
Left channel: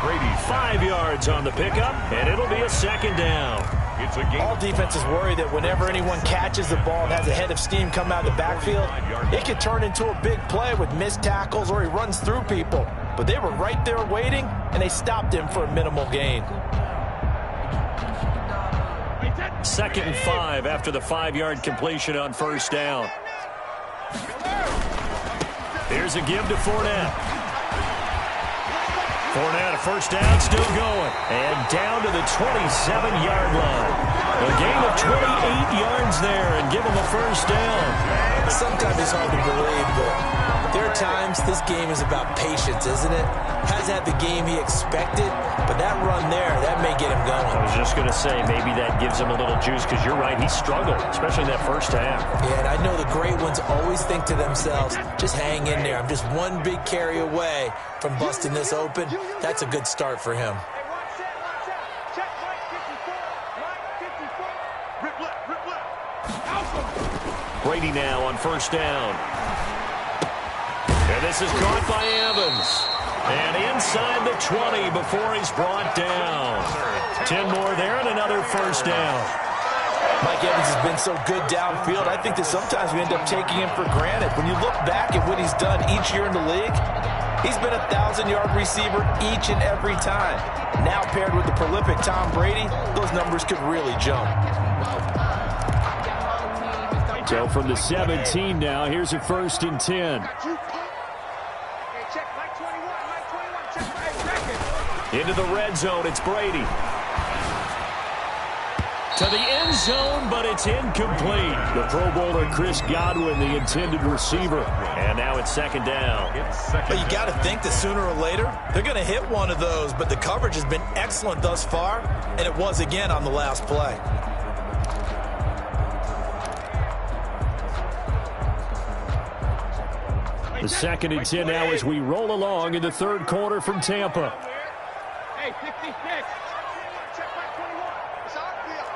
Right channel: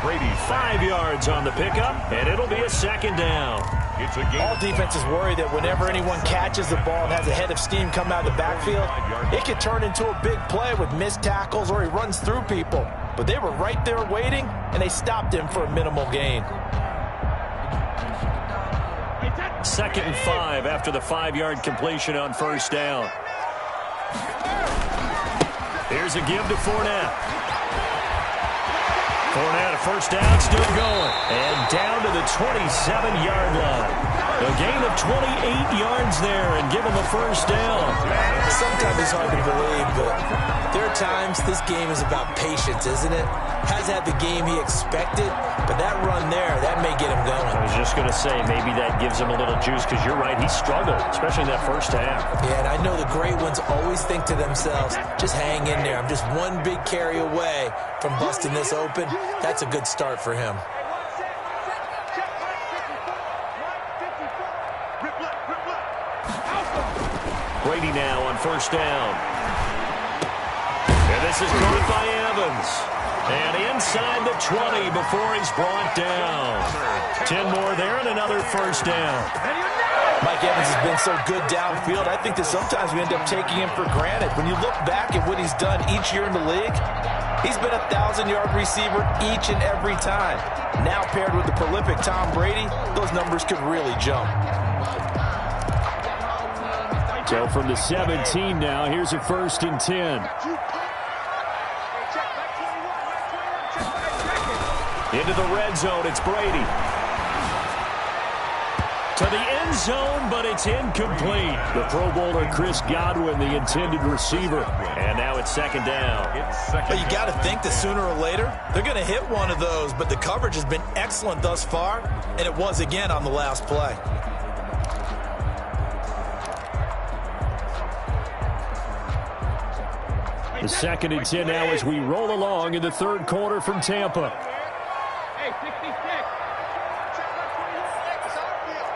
Brady 5 yards on the pickup, and it'll be a 2nd down. It's a game. All defenses worry that whenever anyone catches the ball and has a head of steam come out of the backfield, it could turn into a big play with missed tackles or he runs through people. But they were right there waiting, and they stopped him for a minimal gain. 2nd and 5 after the 5-yard completion on first down. Here's a give to Fournette. Fournette, a first down, still going. And down to the 27-yard line. A gain of 28 yards there and give him a first down. Sometimes it's hard to believe, but there are times this game is about patience, isn't it? Hasn't had the game he expected, but that run there, that may get him going. I was just going to say, maybe that gives him a little juice, because you're right, he struggled, especially in that first half. Yeah, and I know the great ones always think to themselves, just hang in there. I'm just one big carry away from busting this open. That's a good start for him. Brady now on first down. And this is caught by Evans. And inside the 20 before he's brought down. 10 more there and another first down. Mike Evans has been so good downfield, I think that sometimes we end up taking him for granted. When you look back at what he's done each year in the league, he's been a 1,000-yard receiver each and every time. Now paired with the prolific Tom Brady, those numbers could really jump. So from the 17 now, here's a 1st and 10. Into the red zone, it's Brady. To the end zone, but it's incomplete. The Pro Bowler Chris Godwin, the intended receiver. And now it's 2nd down. But you got to think that sooner or later, they're going to hit one of those. But the coverage has been excellent thus far, and it was again on the last play. The 2nd and 10 now as we roll along in the third quarter from Tampa. Hey, 66. Check my 21. It's our field.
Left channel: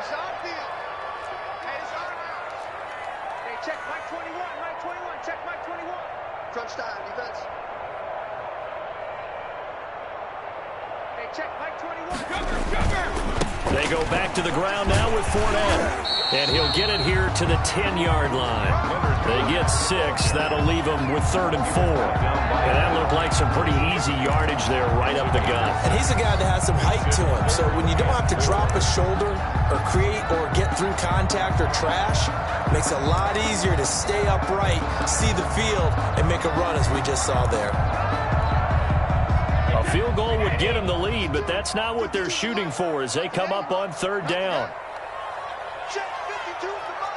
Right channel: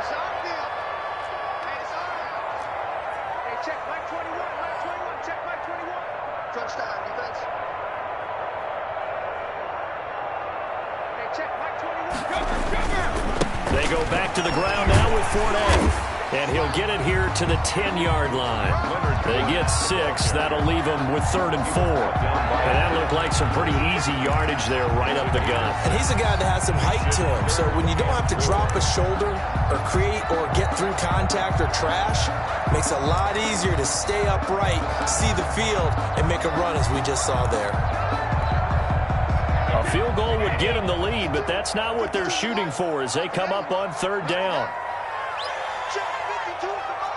It's our field. Hey, it's our house. Hey, check Mike 21. Mike 21. Check Mike 21. Crunch time, defense. Hey, check Mike 21. Cover. They go back to the ground now with Fournette. And he'll get it here to the 10-yard line. They get 6. That'll leave them with 3rd and 4. And that looked like some pretty easy yardage there right up the gut. And he's a guy that has some height to him. So when you don't have to drop a shoulder or create or get through contact or trash, it makes it a lot easier to stay upright, see the field, and make a run as we just saw there. A field goal would get them the lead, but that's not what they're shooting for as they come up on 3rd down. Check 52 is the mic.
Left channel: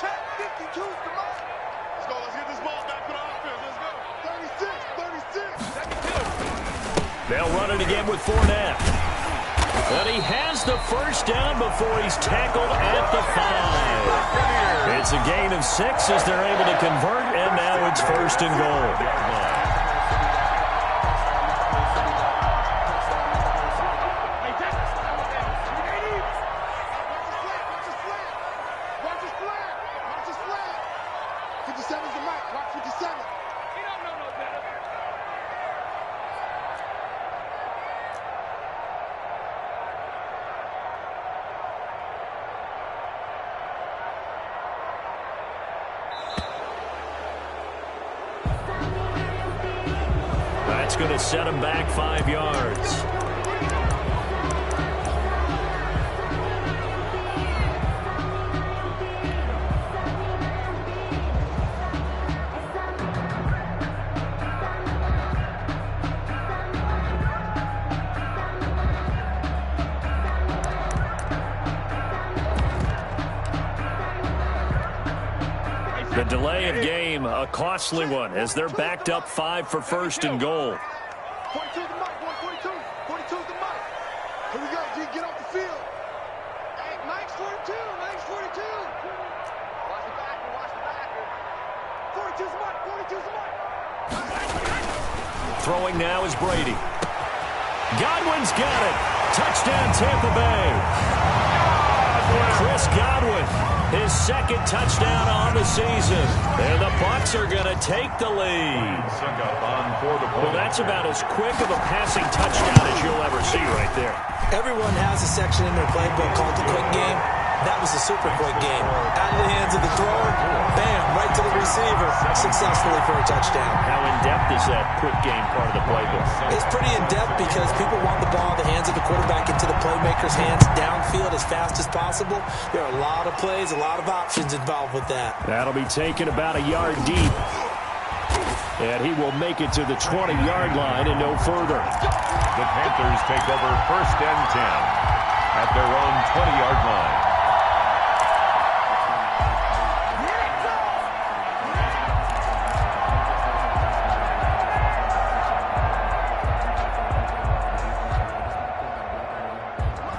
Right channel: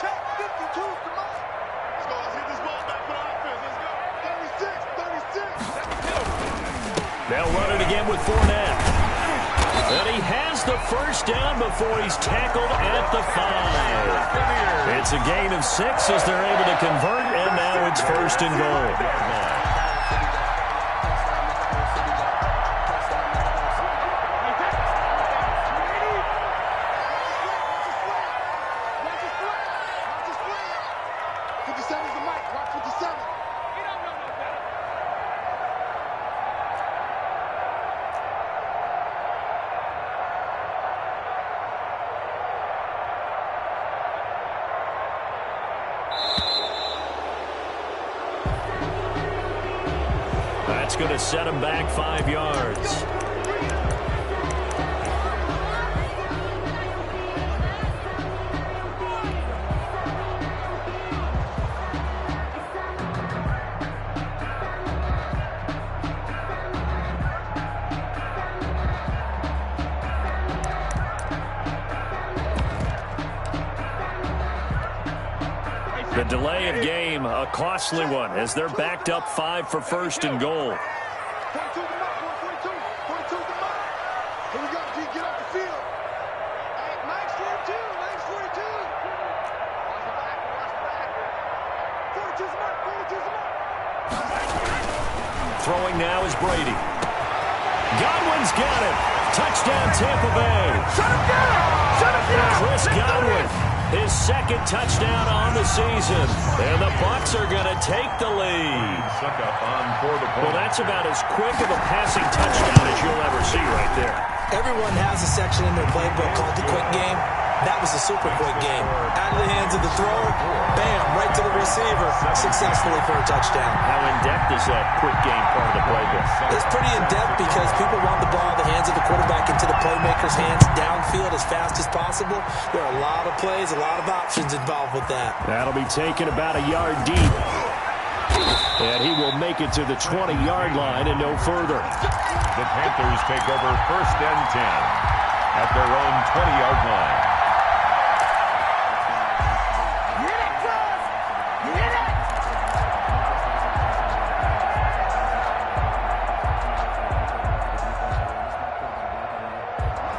Check 52 is the mic. Let's go. Let's get this ball back for the offense. Let's go. 36, 36. They'll run it again with Fournette. And he has the first down before he's tackled at the 5. It's a gain of 6 as they're able to convert, and now it's 1st and goal. That's going to set him back 5 yards. The delay of game, a costly one, as they're backed up 5 for 1st and goal. 42 the mark, 42. 42 the mark. Here we go, G, get off the field. Hey, Mike's 42, Mike's 42. Watch the back, watch the back here. 42's the mark, 42's the mark. Throwing now is Brady. Godwin's got it. Touchdown, Tampa Bay. Chris Godwin, his 2nd touchdown on the season. And the Bucs are going to take the lead. Well, that's about as quick of a passing touchdown as you'll ever see right there. Everyone has a section in their playbook called the quick game. That was a super quick game. Out of the hands of the thrower, bam, right to the receiver, successfully for a touchdown. How in-depth is that quick game part of the playbook? It's pretty in-depth because people want the ball in the hands of the quarterback into the playmaker's hands downfield as fast as possible. There are a lot of plays, a lot of options involved with that. That'll be taken about a yard deep. And he will make it to the 20-yard line and no further. The Panthers take over 1st and 10 at their own 20-yard line.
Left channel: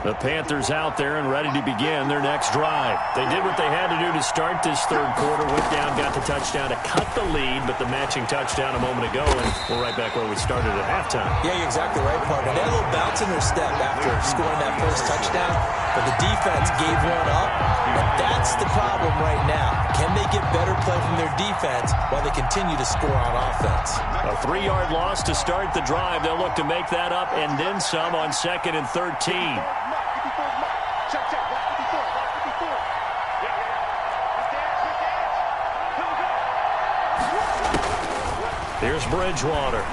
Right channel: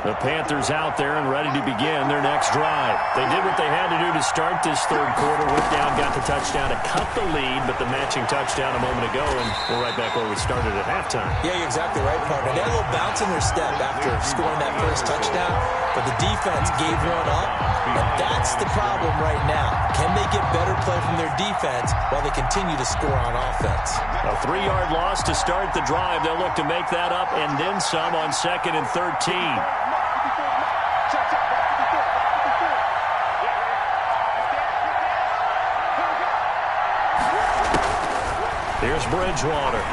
The Panthers out there and ready to begin their next drive. They did what they had to do to start this 3rd quarter. Went down, got the touchdown to cut the lead, but the matching touchdown a moment ago, and we're right back where we started at halftime. Yeah, you're exactly right, partner. They had a little bounce in their step after scoring that first touchdown, but the defense gave one up, and that's the problem right now. Can they get better play from their defense while they continue to score on offense? A 3-yard loss to start the drive. They'll look to make that up and then some on 2nd and 13. Check, check, back 54, back 54. Yeah. Big dance. Here's Bridgewater.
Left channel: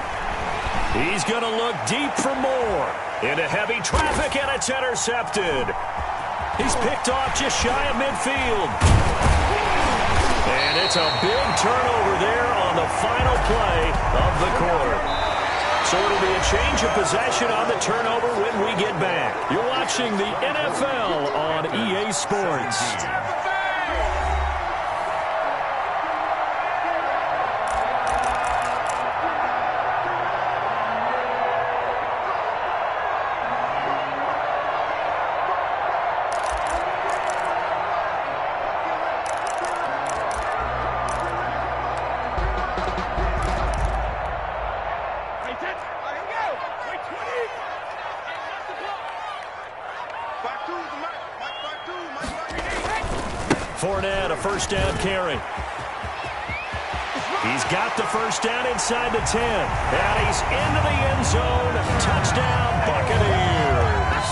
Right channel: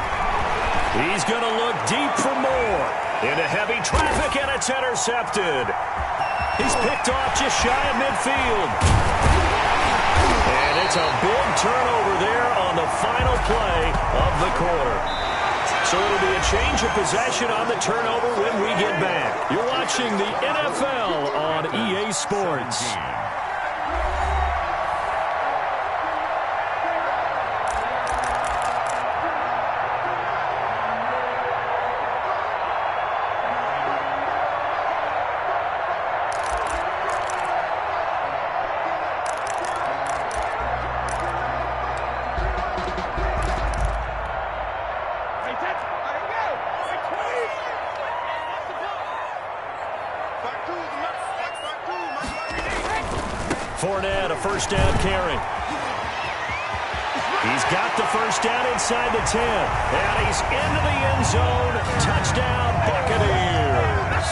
He's going to look deep for more. Into heavy traffic, and it's intercepted. He's picked off just shy of midfield. And it's a big turnover there on the final play of the quarter. So it'll be a change of possession on the turnover when we get back. You're watching the NFL on EA Sports. Fournette, a first down carry. He's got the first down inside the 10. And he's into the end zone. Touchdown, Buccaneers.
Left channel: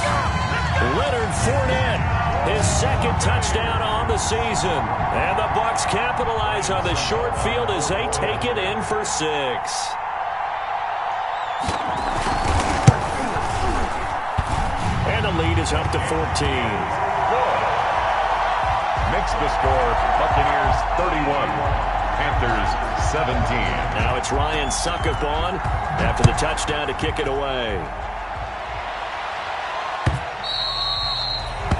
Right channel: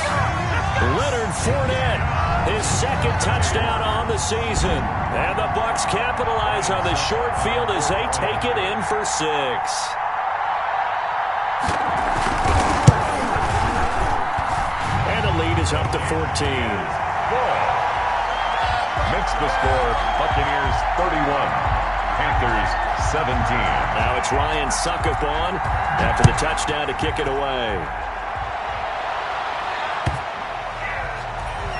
Leonard Fournette, his 2nd touchdown on the season. And the Bucs capitalize on the short field as they take it in for 6. And the lead is up to 14. Good. Makes the score Buccaneers 31, Panthers 17. Now it's Ryan Suckup on after the touchdown to kick it away.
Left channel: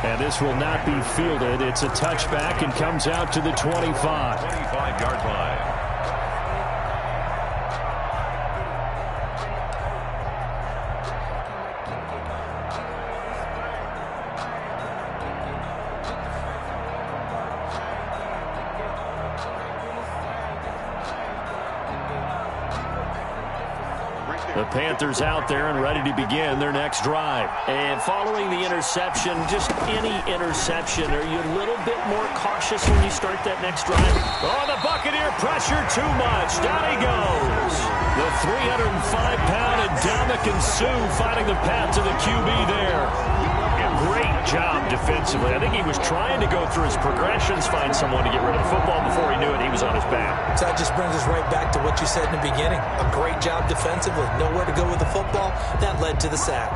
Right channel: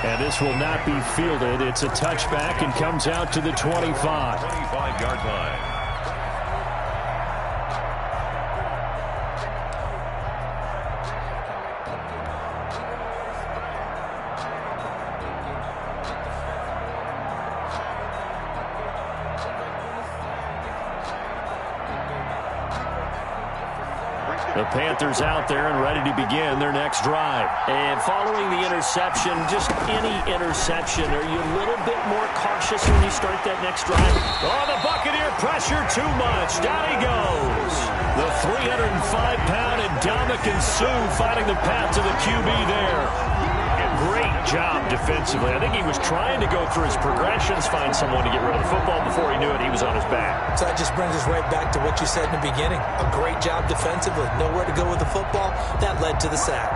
And this will not be fielded. It's a touchback and comes out to the 25. 25-yard line. The Panthers out there and ready to begin their next drive. And following the interception, just any interception, are you a little bit more cautious when you start that next drive? Oh, the Buccaneer pressure too much. Down he goes. The 305-pound Ndamukong Suh finding the path to the QB there. Great job defensively. I think he was trying to go through his progressions, find someone to get rid of the football. Before he knew it, he was on his back. So that just brings us right back to what you said in the beginning. A great job defensively. Nowhere to go with the football. That led to the sack.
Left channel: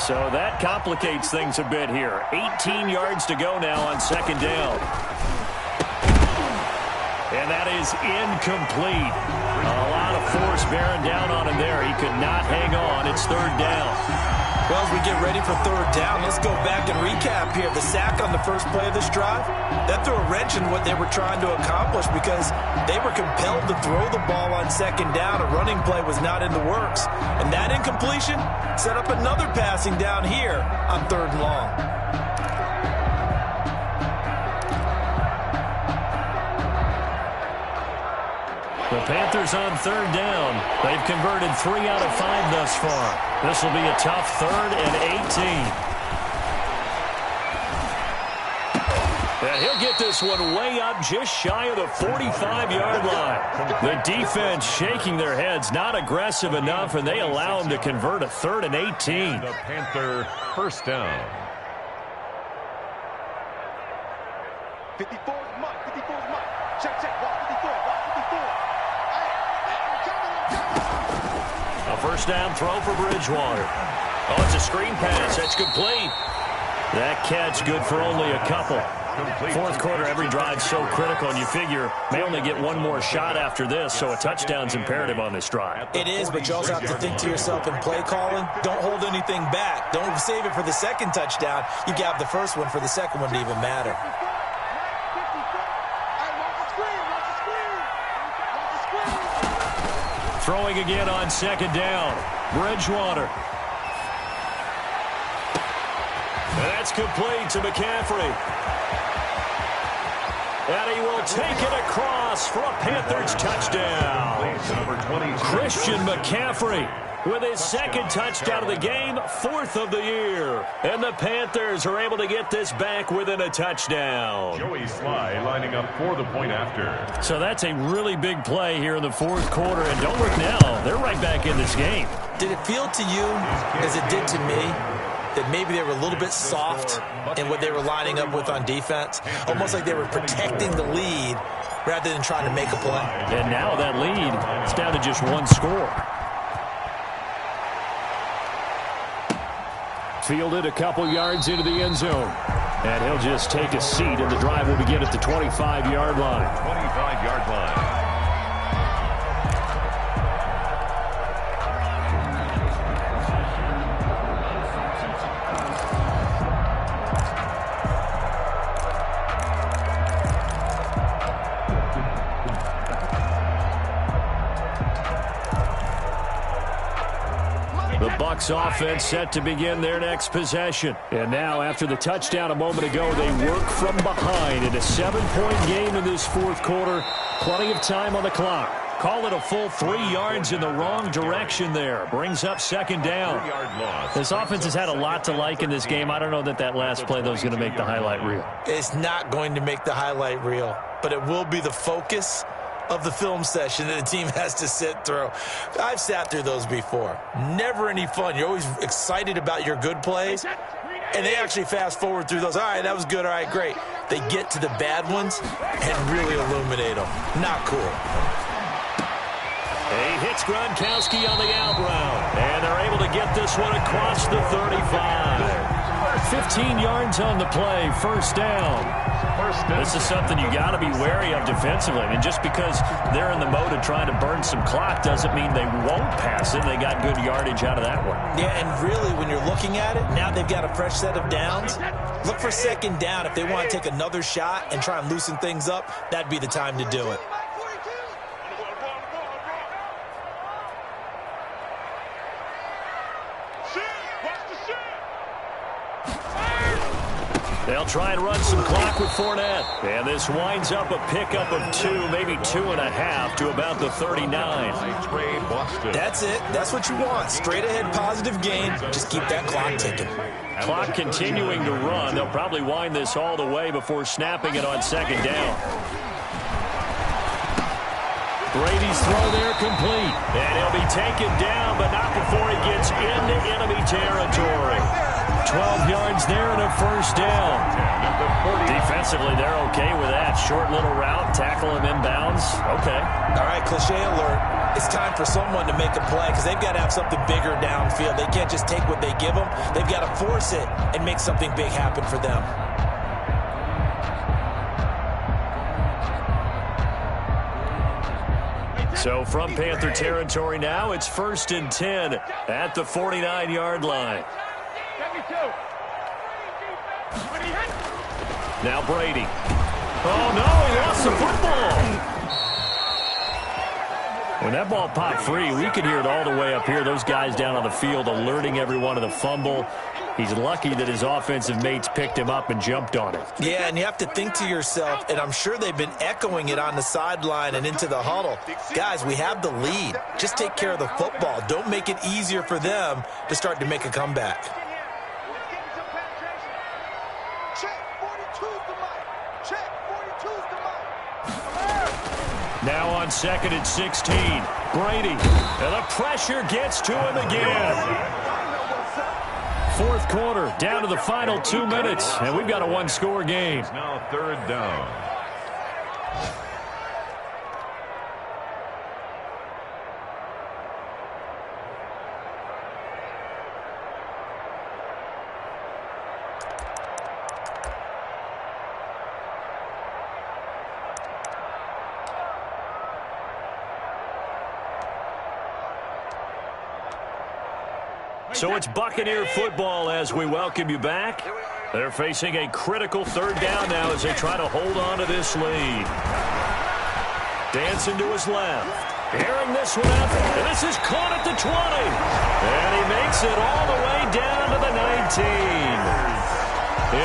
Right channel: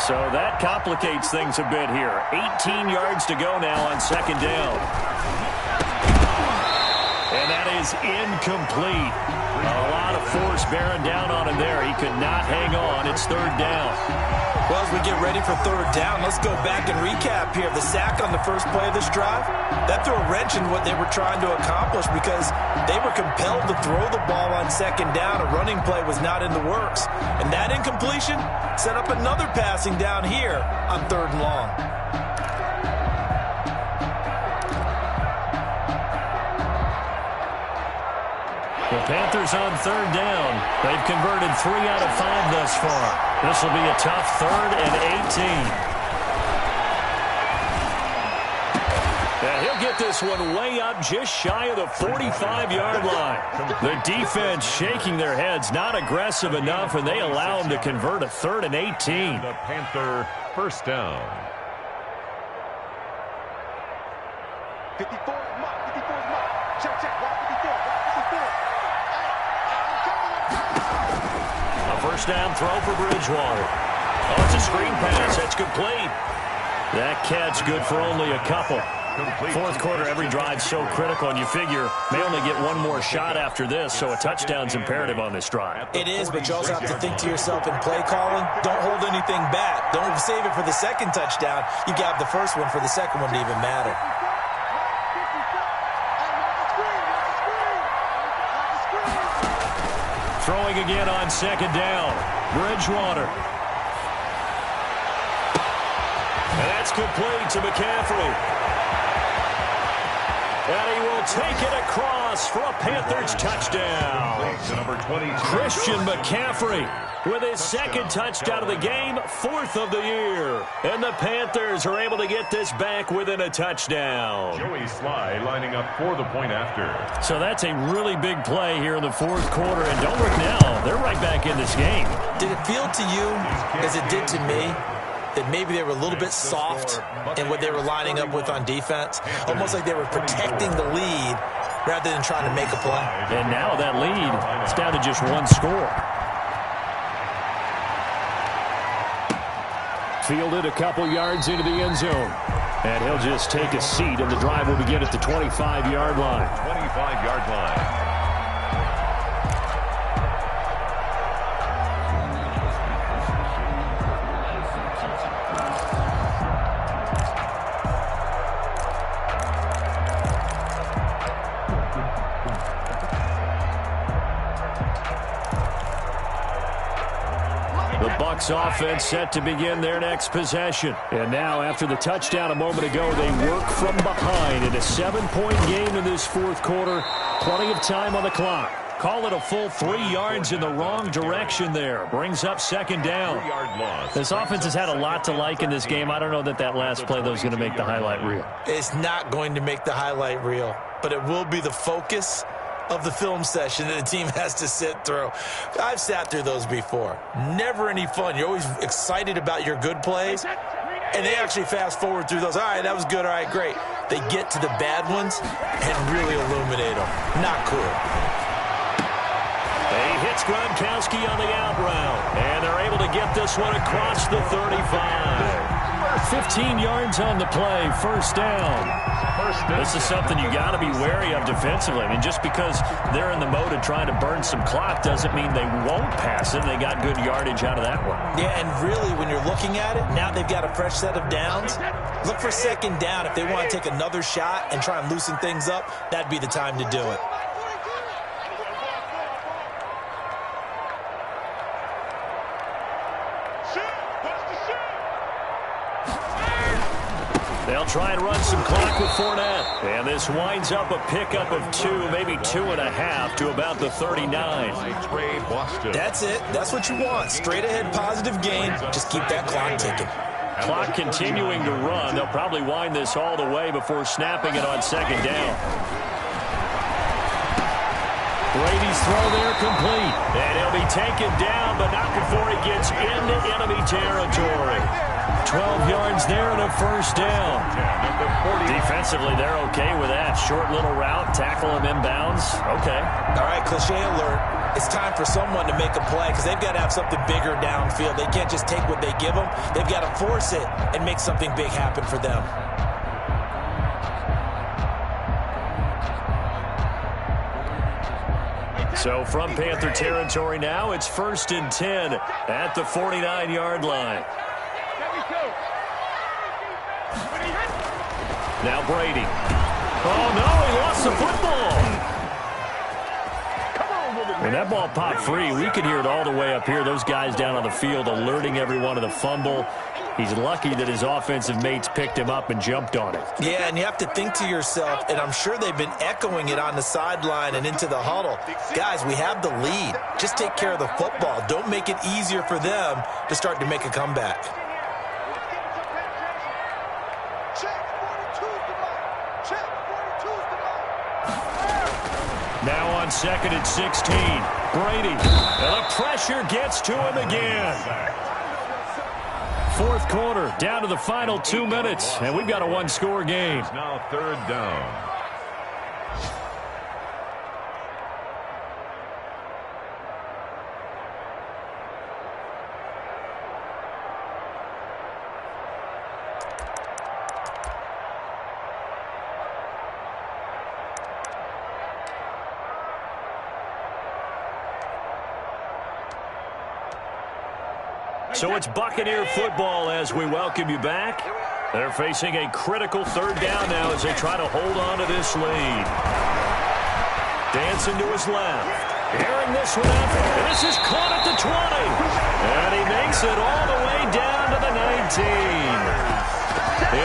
So that complicates things a bit here. 18 yards to go now on second down. And that is incomplete. A lot of force bearing down on him there. He could not hang on. It's third down. Well, as we get ready for third down, let's go back and recap here. The sack on the first play of this drive, that threw a wrench in what they were trying to accomplish because they were compelled to throw the ball on second down. A running play was not in the works. And that incompletion set up another passing down here on third and long. The Panthers on third down. They've converted 3 out of 5 thus far. This will be a tough 3rd and 18. And he'll get this one way up just shy of the 45-yard line. The defense shaking their heads, not aggressive enough, and they allow him to convert a 3rd and 18. The Panther first down. 54 is Mike. 54 is Mike. Check, check. Watch 54. Watch 54. A first down throw for Bridgewater. Oh, it's a screen pass. That's complete. That catch good for only a couple. Fourth quarter, every drive so critical, and you figure may only get one more shot after this, so a touchdown's imperative on this drive. It is, but you also have to think to yourself in play calling, don't hold anything back. Don't save it for the second touchdown. You got the first one for the second one to even matter. Throwing again on second down. Bridgewater. And that's complete to McCaffrey. And he will take it across for a Panthers touchdown. Christian McCaffrey with his second touchdown of the game, 4th of the year. And the Panthers are able to get this back within a touchdown. Joey Sly lining up for the point after. So that's a really big play here in the fourth quarter. And don't look now, they're right back in this game. Did it feel to you, as it did to me, that maybe they were a little bit soft in what they were lining up with on defense? Almost like they were protecting the lead rather than trying to make a play. And now that lead is down to just one score. Fielded a couple yards into the end zone. And he'll just take a seat, and the drive will begin at the 25-yard line. 25-yard line. The Bucs offense set to begin their next possession. And now, after the touchdown a moment ago, they work from behind in a 7-point game in this fourth quarter. Plenty of time on the clock. Call it a full 3 yards in the wrong direction there. Brings up second down. This offense has had a lot to like in this game. I don't know that that last play, though, is going to make the highlight reel. It's not going to make the highlight reel, but it will be the focus of the film session that the team has to sit through. I've sat through those before. Never any fun. You're always excited about your good plays, and they actually fast forward through those. All right, that was good. All right, great. They get to the bad ones and really illuminate them. Not cool. He hits Gronkowski on the out route, and they're able to get this one across the 35. 15 yards on the play, first down. This is something you got to be wary of defensively. I mean, just because they're in the mode of trying to burn some clock doesn't mean they won't pass it. They got good yardage out of that one. Yeah, and really, when you're looking at it, now they've got a fresh set of downs. Look for second down. If they want to take another shot and try and loosen things up, that'd be the time to do it. They'll try and run some clock with Fournette. And this winds up a pickup of 2, maybe 2.5 to about the 39. That's it. That's what you want. Straight ahead positive gain. Just keep that clock ticking. Clock continuing to run. They'll probably wind this all the way before snapping it on second down. Brady's throw there complete. And he'll be taken down, but not before he gets into enemy territory. 12 yards there and a first down. Defensively, they're okay with that. Short little route, tackle him inbounds. Okay. All right, cliche alert. It's time for someone to make a play because they've got to have something bigger downfield. They can't just take what they give them. They've got to force it and make something big happen for them. So from Panther territory now, it's 1st and 10 at the 49-yard line. Now Brady. Oh, no, he lost the football. When that ball popped free, we could hear it all the way up here. Those guys down on the field alerting everyone of the fumble. He's lucky that his offensive mates picked him up and jumped on it. Yeah, and you have to think to yourself, and I'm sure they've been echoing it on the sideline and into the huddle. Guys, we have the lead. Just take care of the football. Don't make it easier for them to start to make a comeback. Now on 2nd and 16, Brady. And the pressure gets to him again. 4th quarter, down to the final 2 minutes, and we've got a one-score game. It's now 3rd down. So it's Buccaneer football as we welcome you back. They're facing a critical 3rd down now as they try to hold on to this lead. Dancing to his left. Airing this one up. And this is caught at the 20. And he makes it all the way down to the 19.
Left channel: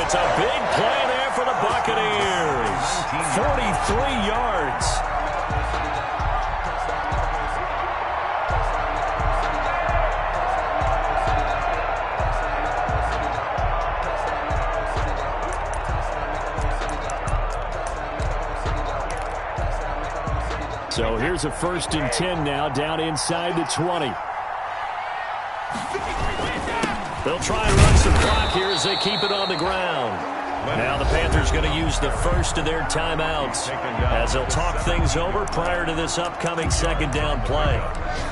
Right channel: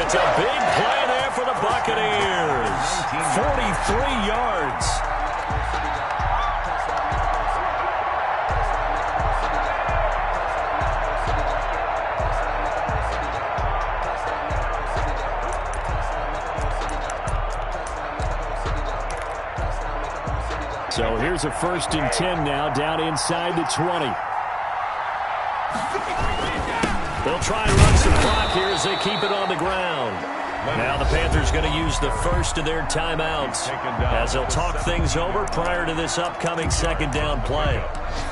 It's a big play there for the Buccaneers. 43 yards. So here's a 1st and 10 now, down inside the 20. They'll try and run some clock here as they keep it on the ground. Now the Panthers going to use the first of their timeouts as they'll talk things over prior to this upcoming 2nd down play.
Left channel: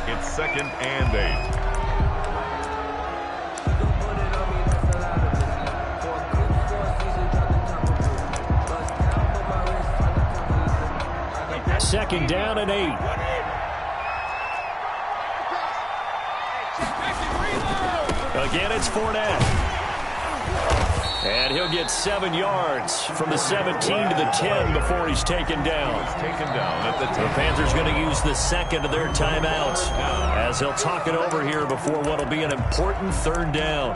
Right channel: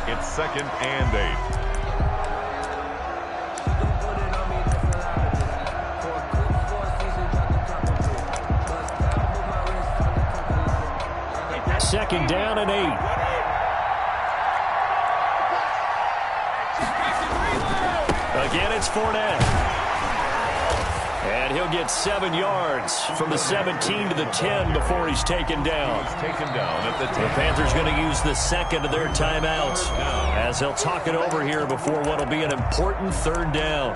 It's 2nd and 8. Second down and 8. Again, it's Fournette. And he'll get 7 yards from the 17 to the 10 before he's taken down. At the 10. The Panthers going to use the 2nd of their timeouts as they'll talk it over here before what will be an important 3rd down.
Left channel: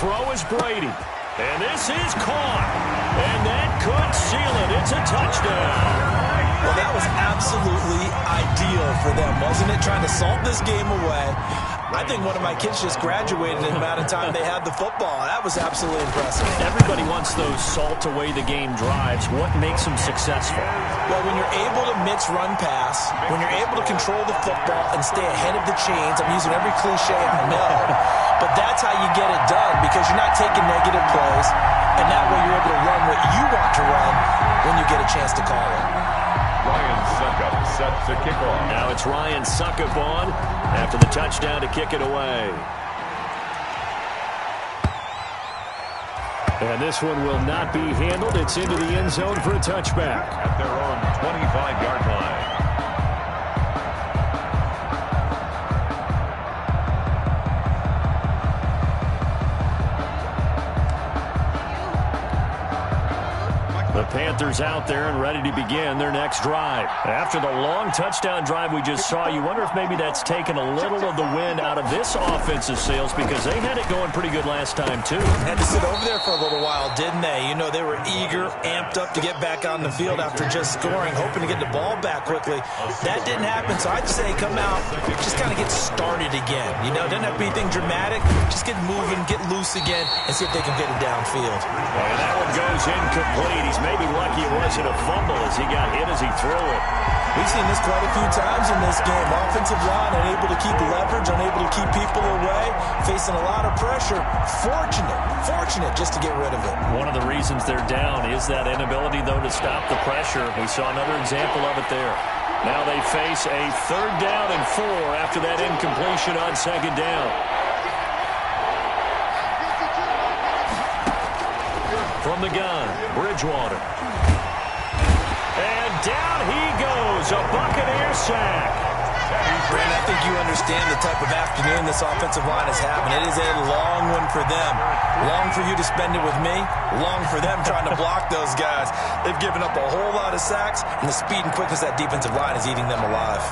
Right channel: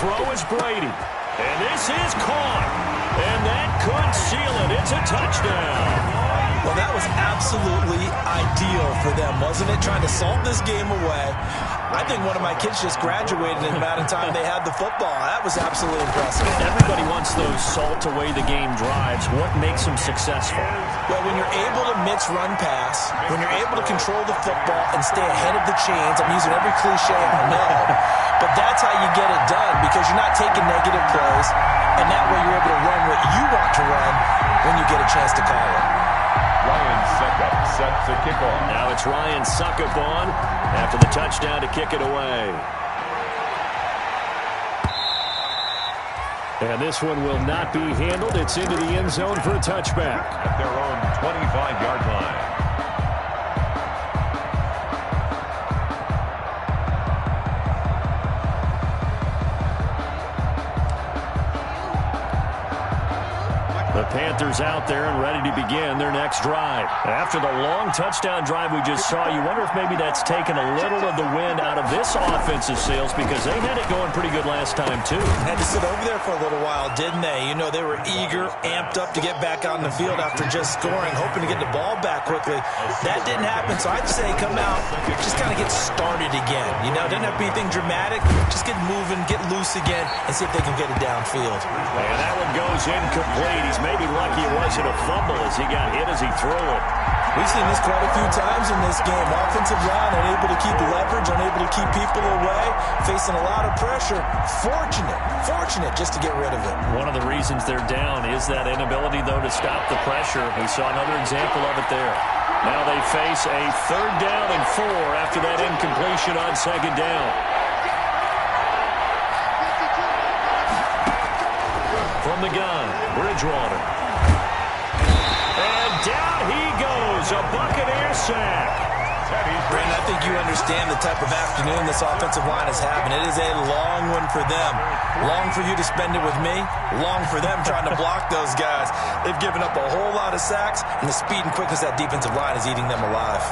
Throw is Brady. And this is caught. And that could seal it. It's a touchdown. Well, that was absolutely ideal for them, wasn't it? Trying to salt this game away. I think one of my kids just graduated in the amount of time they had the football. That was absolutely impressive. Everybody wants those salt away the game drives. What makes them successful? Well, when you're able to mix run pass, when you're able to control the football and stay ahead of the chains, I'm using every cliche I know, but that's how you get it done because you're not taking negative plays, and that way you're able to run what you want to run when you get a chance to call it. Ryan Suckup set to kick off. Now it's Ryan Suckup on after the touchdown to kick it away. And this one will not be handled. It's into the end zone for a touchback. At their own 25-yard line. The Panthers out there and ready to begin their next drive. After the long touchdown drive we just saw, you wonder if maybe that's taken a little of the wind out of this offensive sails, because they had it going pretty good last time too. Had to sit over there for a little while, didn't they? You know, they were eager, amped up to get back on the field after just scoring, hoping to get the ball back quickly. That didn't happen, so I'd say come out, just kind of get started again. You know, doesn't have to be anything dramatic. Just get moving, get loose again, and see if they can get it downfield. And that one goes incomplete. He's maybe lucky it wasn't a fumble as he got hit as he threw it. We've seen this quite a few times in this game. Offensive line unable to keep leverage, unable to keep people away, facing a lot of pressure. Fortunate just to get rid of it. One of the reasons they're down is that inability, though, to stop the pressure. We saw another example of it there. Now they face a 3rd down and 4 after that incompletion on 2nd down. From the gun, Bridgewater. And down he goes, a Buccaneer sack. Brandon, I think you understand the type of afternoon this offensive line is having. It is a long one for them. Long for you to spend it with me. Long for them trying to block those guys. They've given up a whole lot of sacks, and the speed and quickness of that defensive line is eating them alive.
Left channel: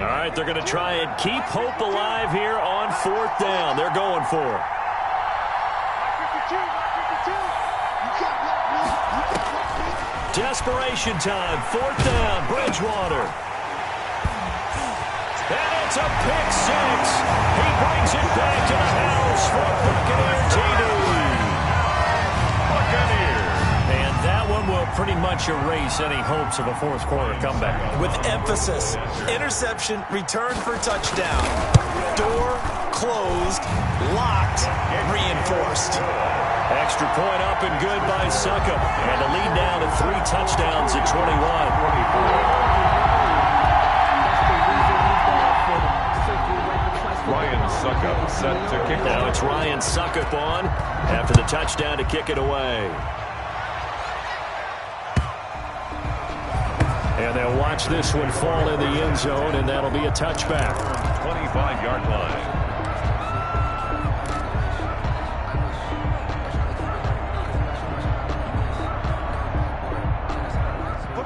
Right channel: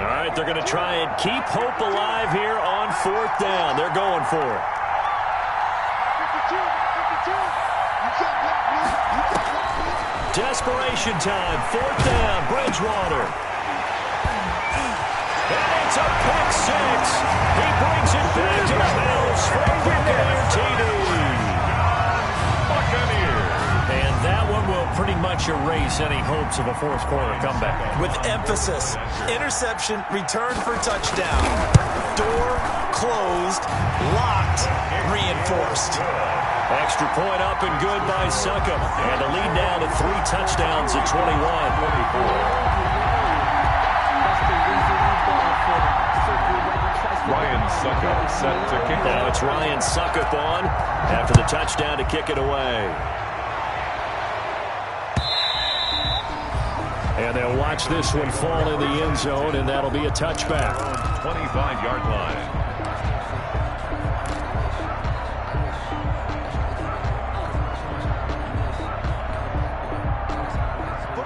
All right, they're going to try and keep hope alive here on 4th down. They're going for it. Desperation time, 4th down, Bridgewater. And it's a pick 6. He brings it back to the house for a Buccaneer TD. Buccaneers. And that one will pretty much erase any hopes of a 4th quarter comeback. With emphasis, interception, return for touchdown. Door closed, locked, reinforced. Extra point up and good by Suckup. And a lead down to 3 touchdowns at 21. Ryan Suckup set to kick off. Now it's Ryan Suckup on after the touchdown to kick it away. And they'll watch this one fall in the end zone, and that'll be a touchback. 25-yard line.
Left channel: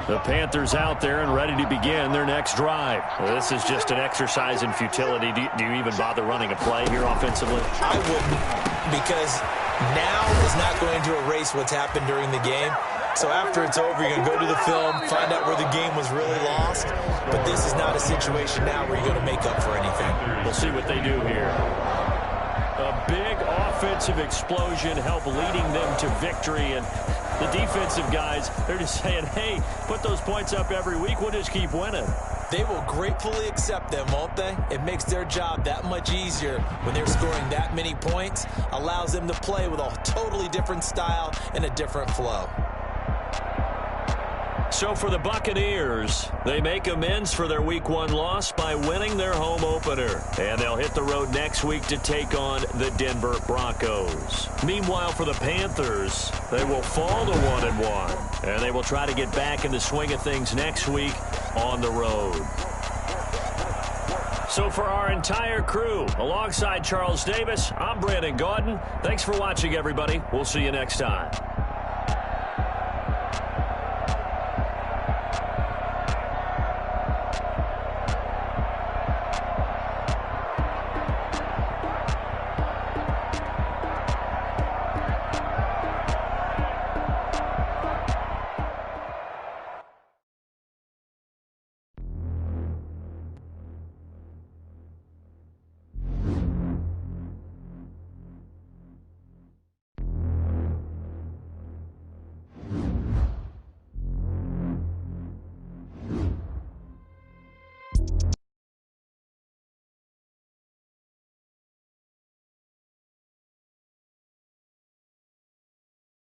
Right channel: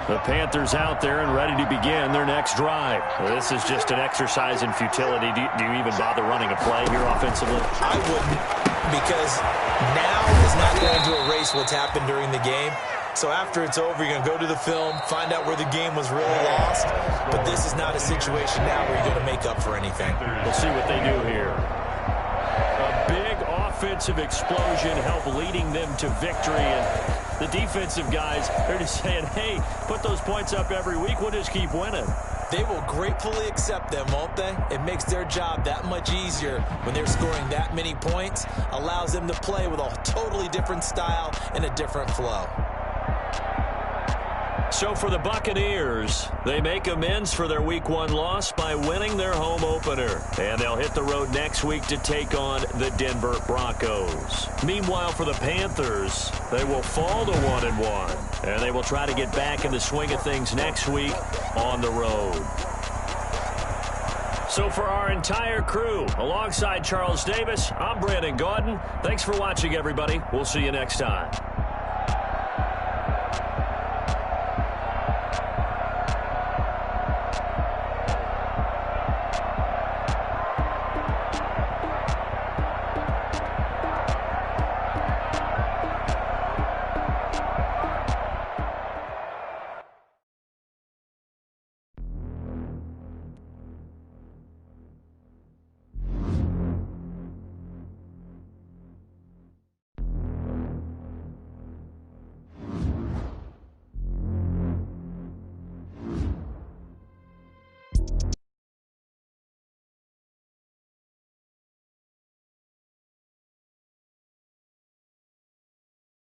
The Panthers out there and ready to begin their next drive. This is just an exercise in futility. Do you even bother running a play here offensively? I wouldn't, because now is not going to erase what's happened during the game. So after it's over, you're going to go to the film, find out where the game was really lost. But this is not a situation now where you're going to make up for anything. We'll see what they do here. A big offensive explosion helped leading them to victory. And the defensive guys, they're just saying, hey, put those points up every week. We'll just keep winning. They will gratefully accept them, won't they? It makes their job that much easier when they're scoring that many points. Allows them to play with a totally different style and a different flow. So for the Buccaneers, they make amends for their Week 1 loss by winning their home opener. And they'll hit the road next week to take on the Denver Broncos. Meanwhile, for the Panthers, they will fall to 1-1. And they will try to get back in the swing of things next week on the road. So for our entire crew, alongside Charles Davis, I'm Brandon Gaudin. Thanks for watching, everybody. We'll see you next time.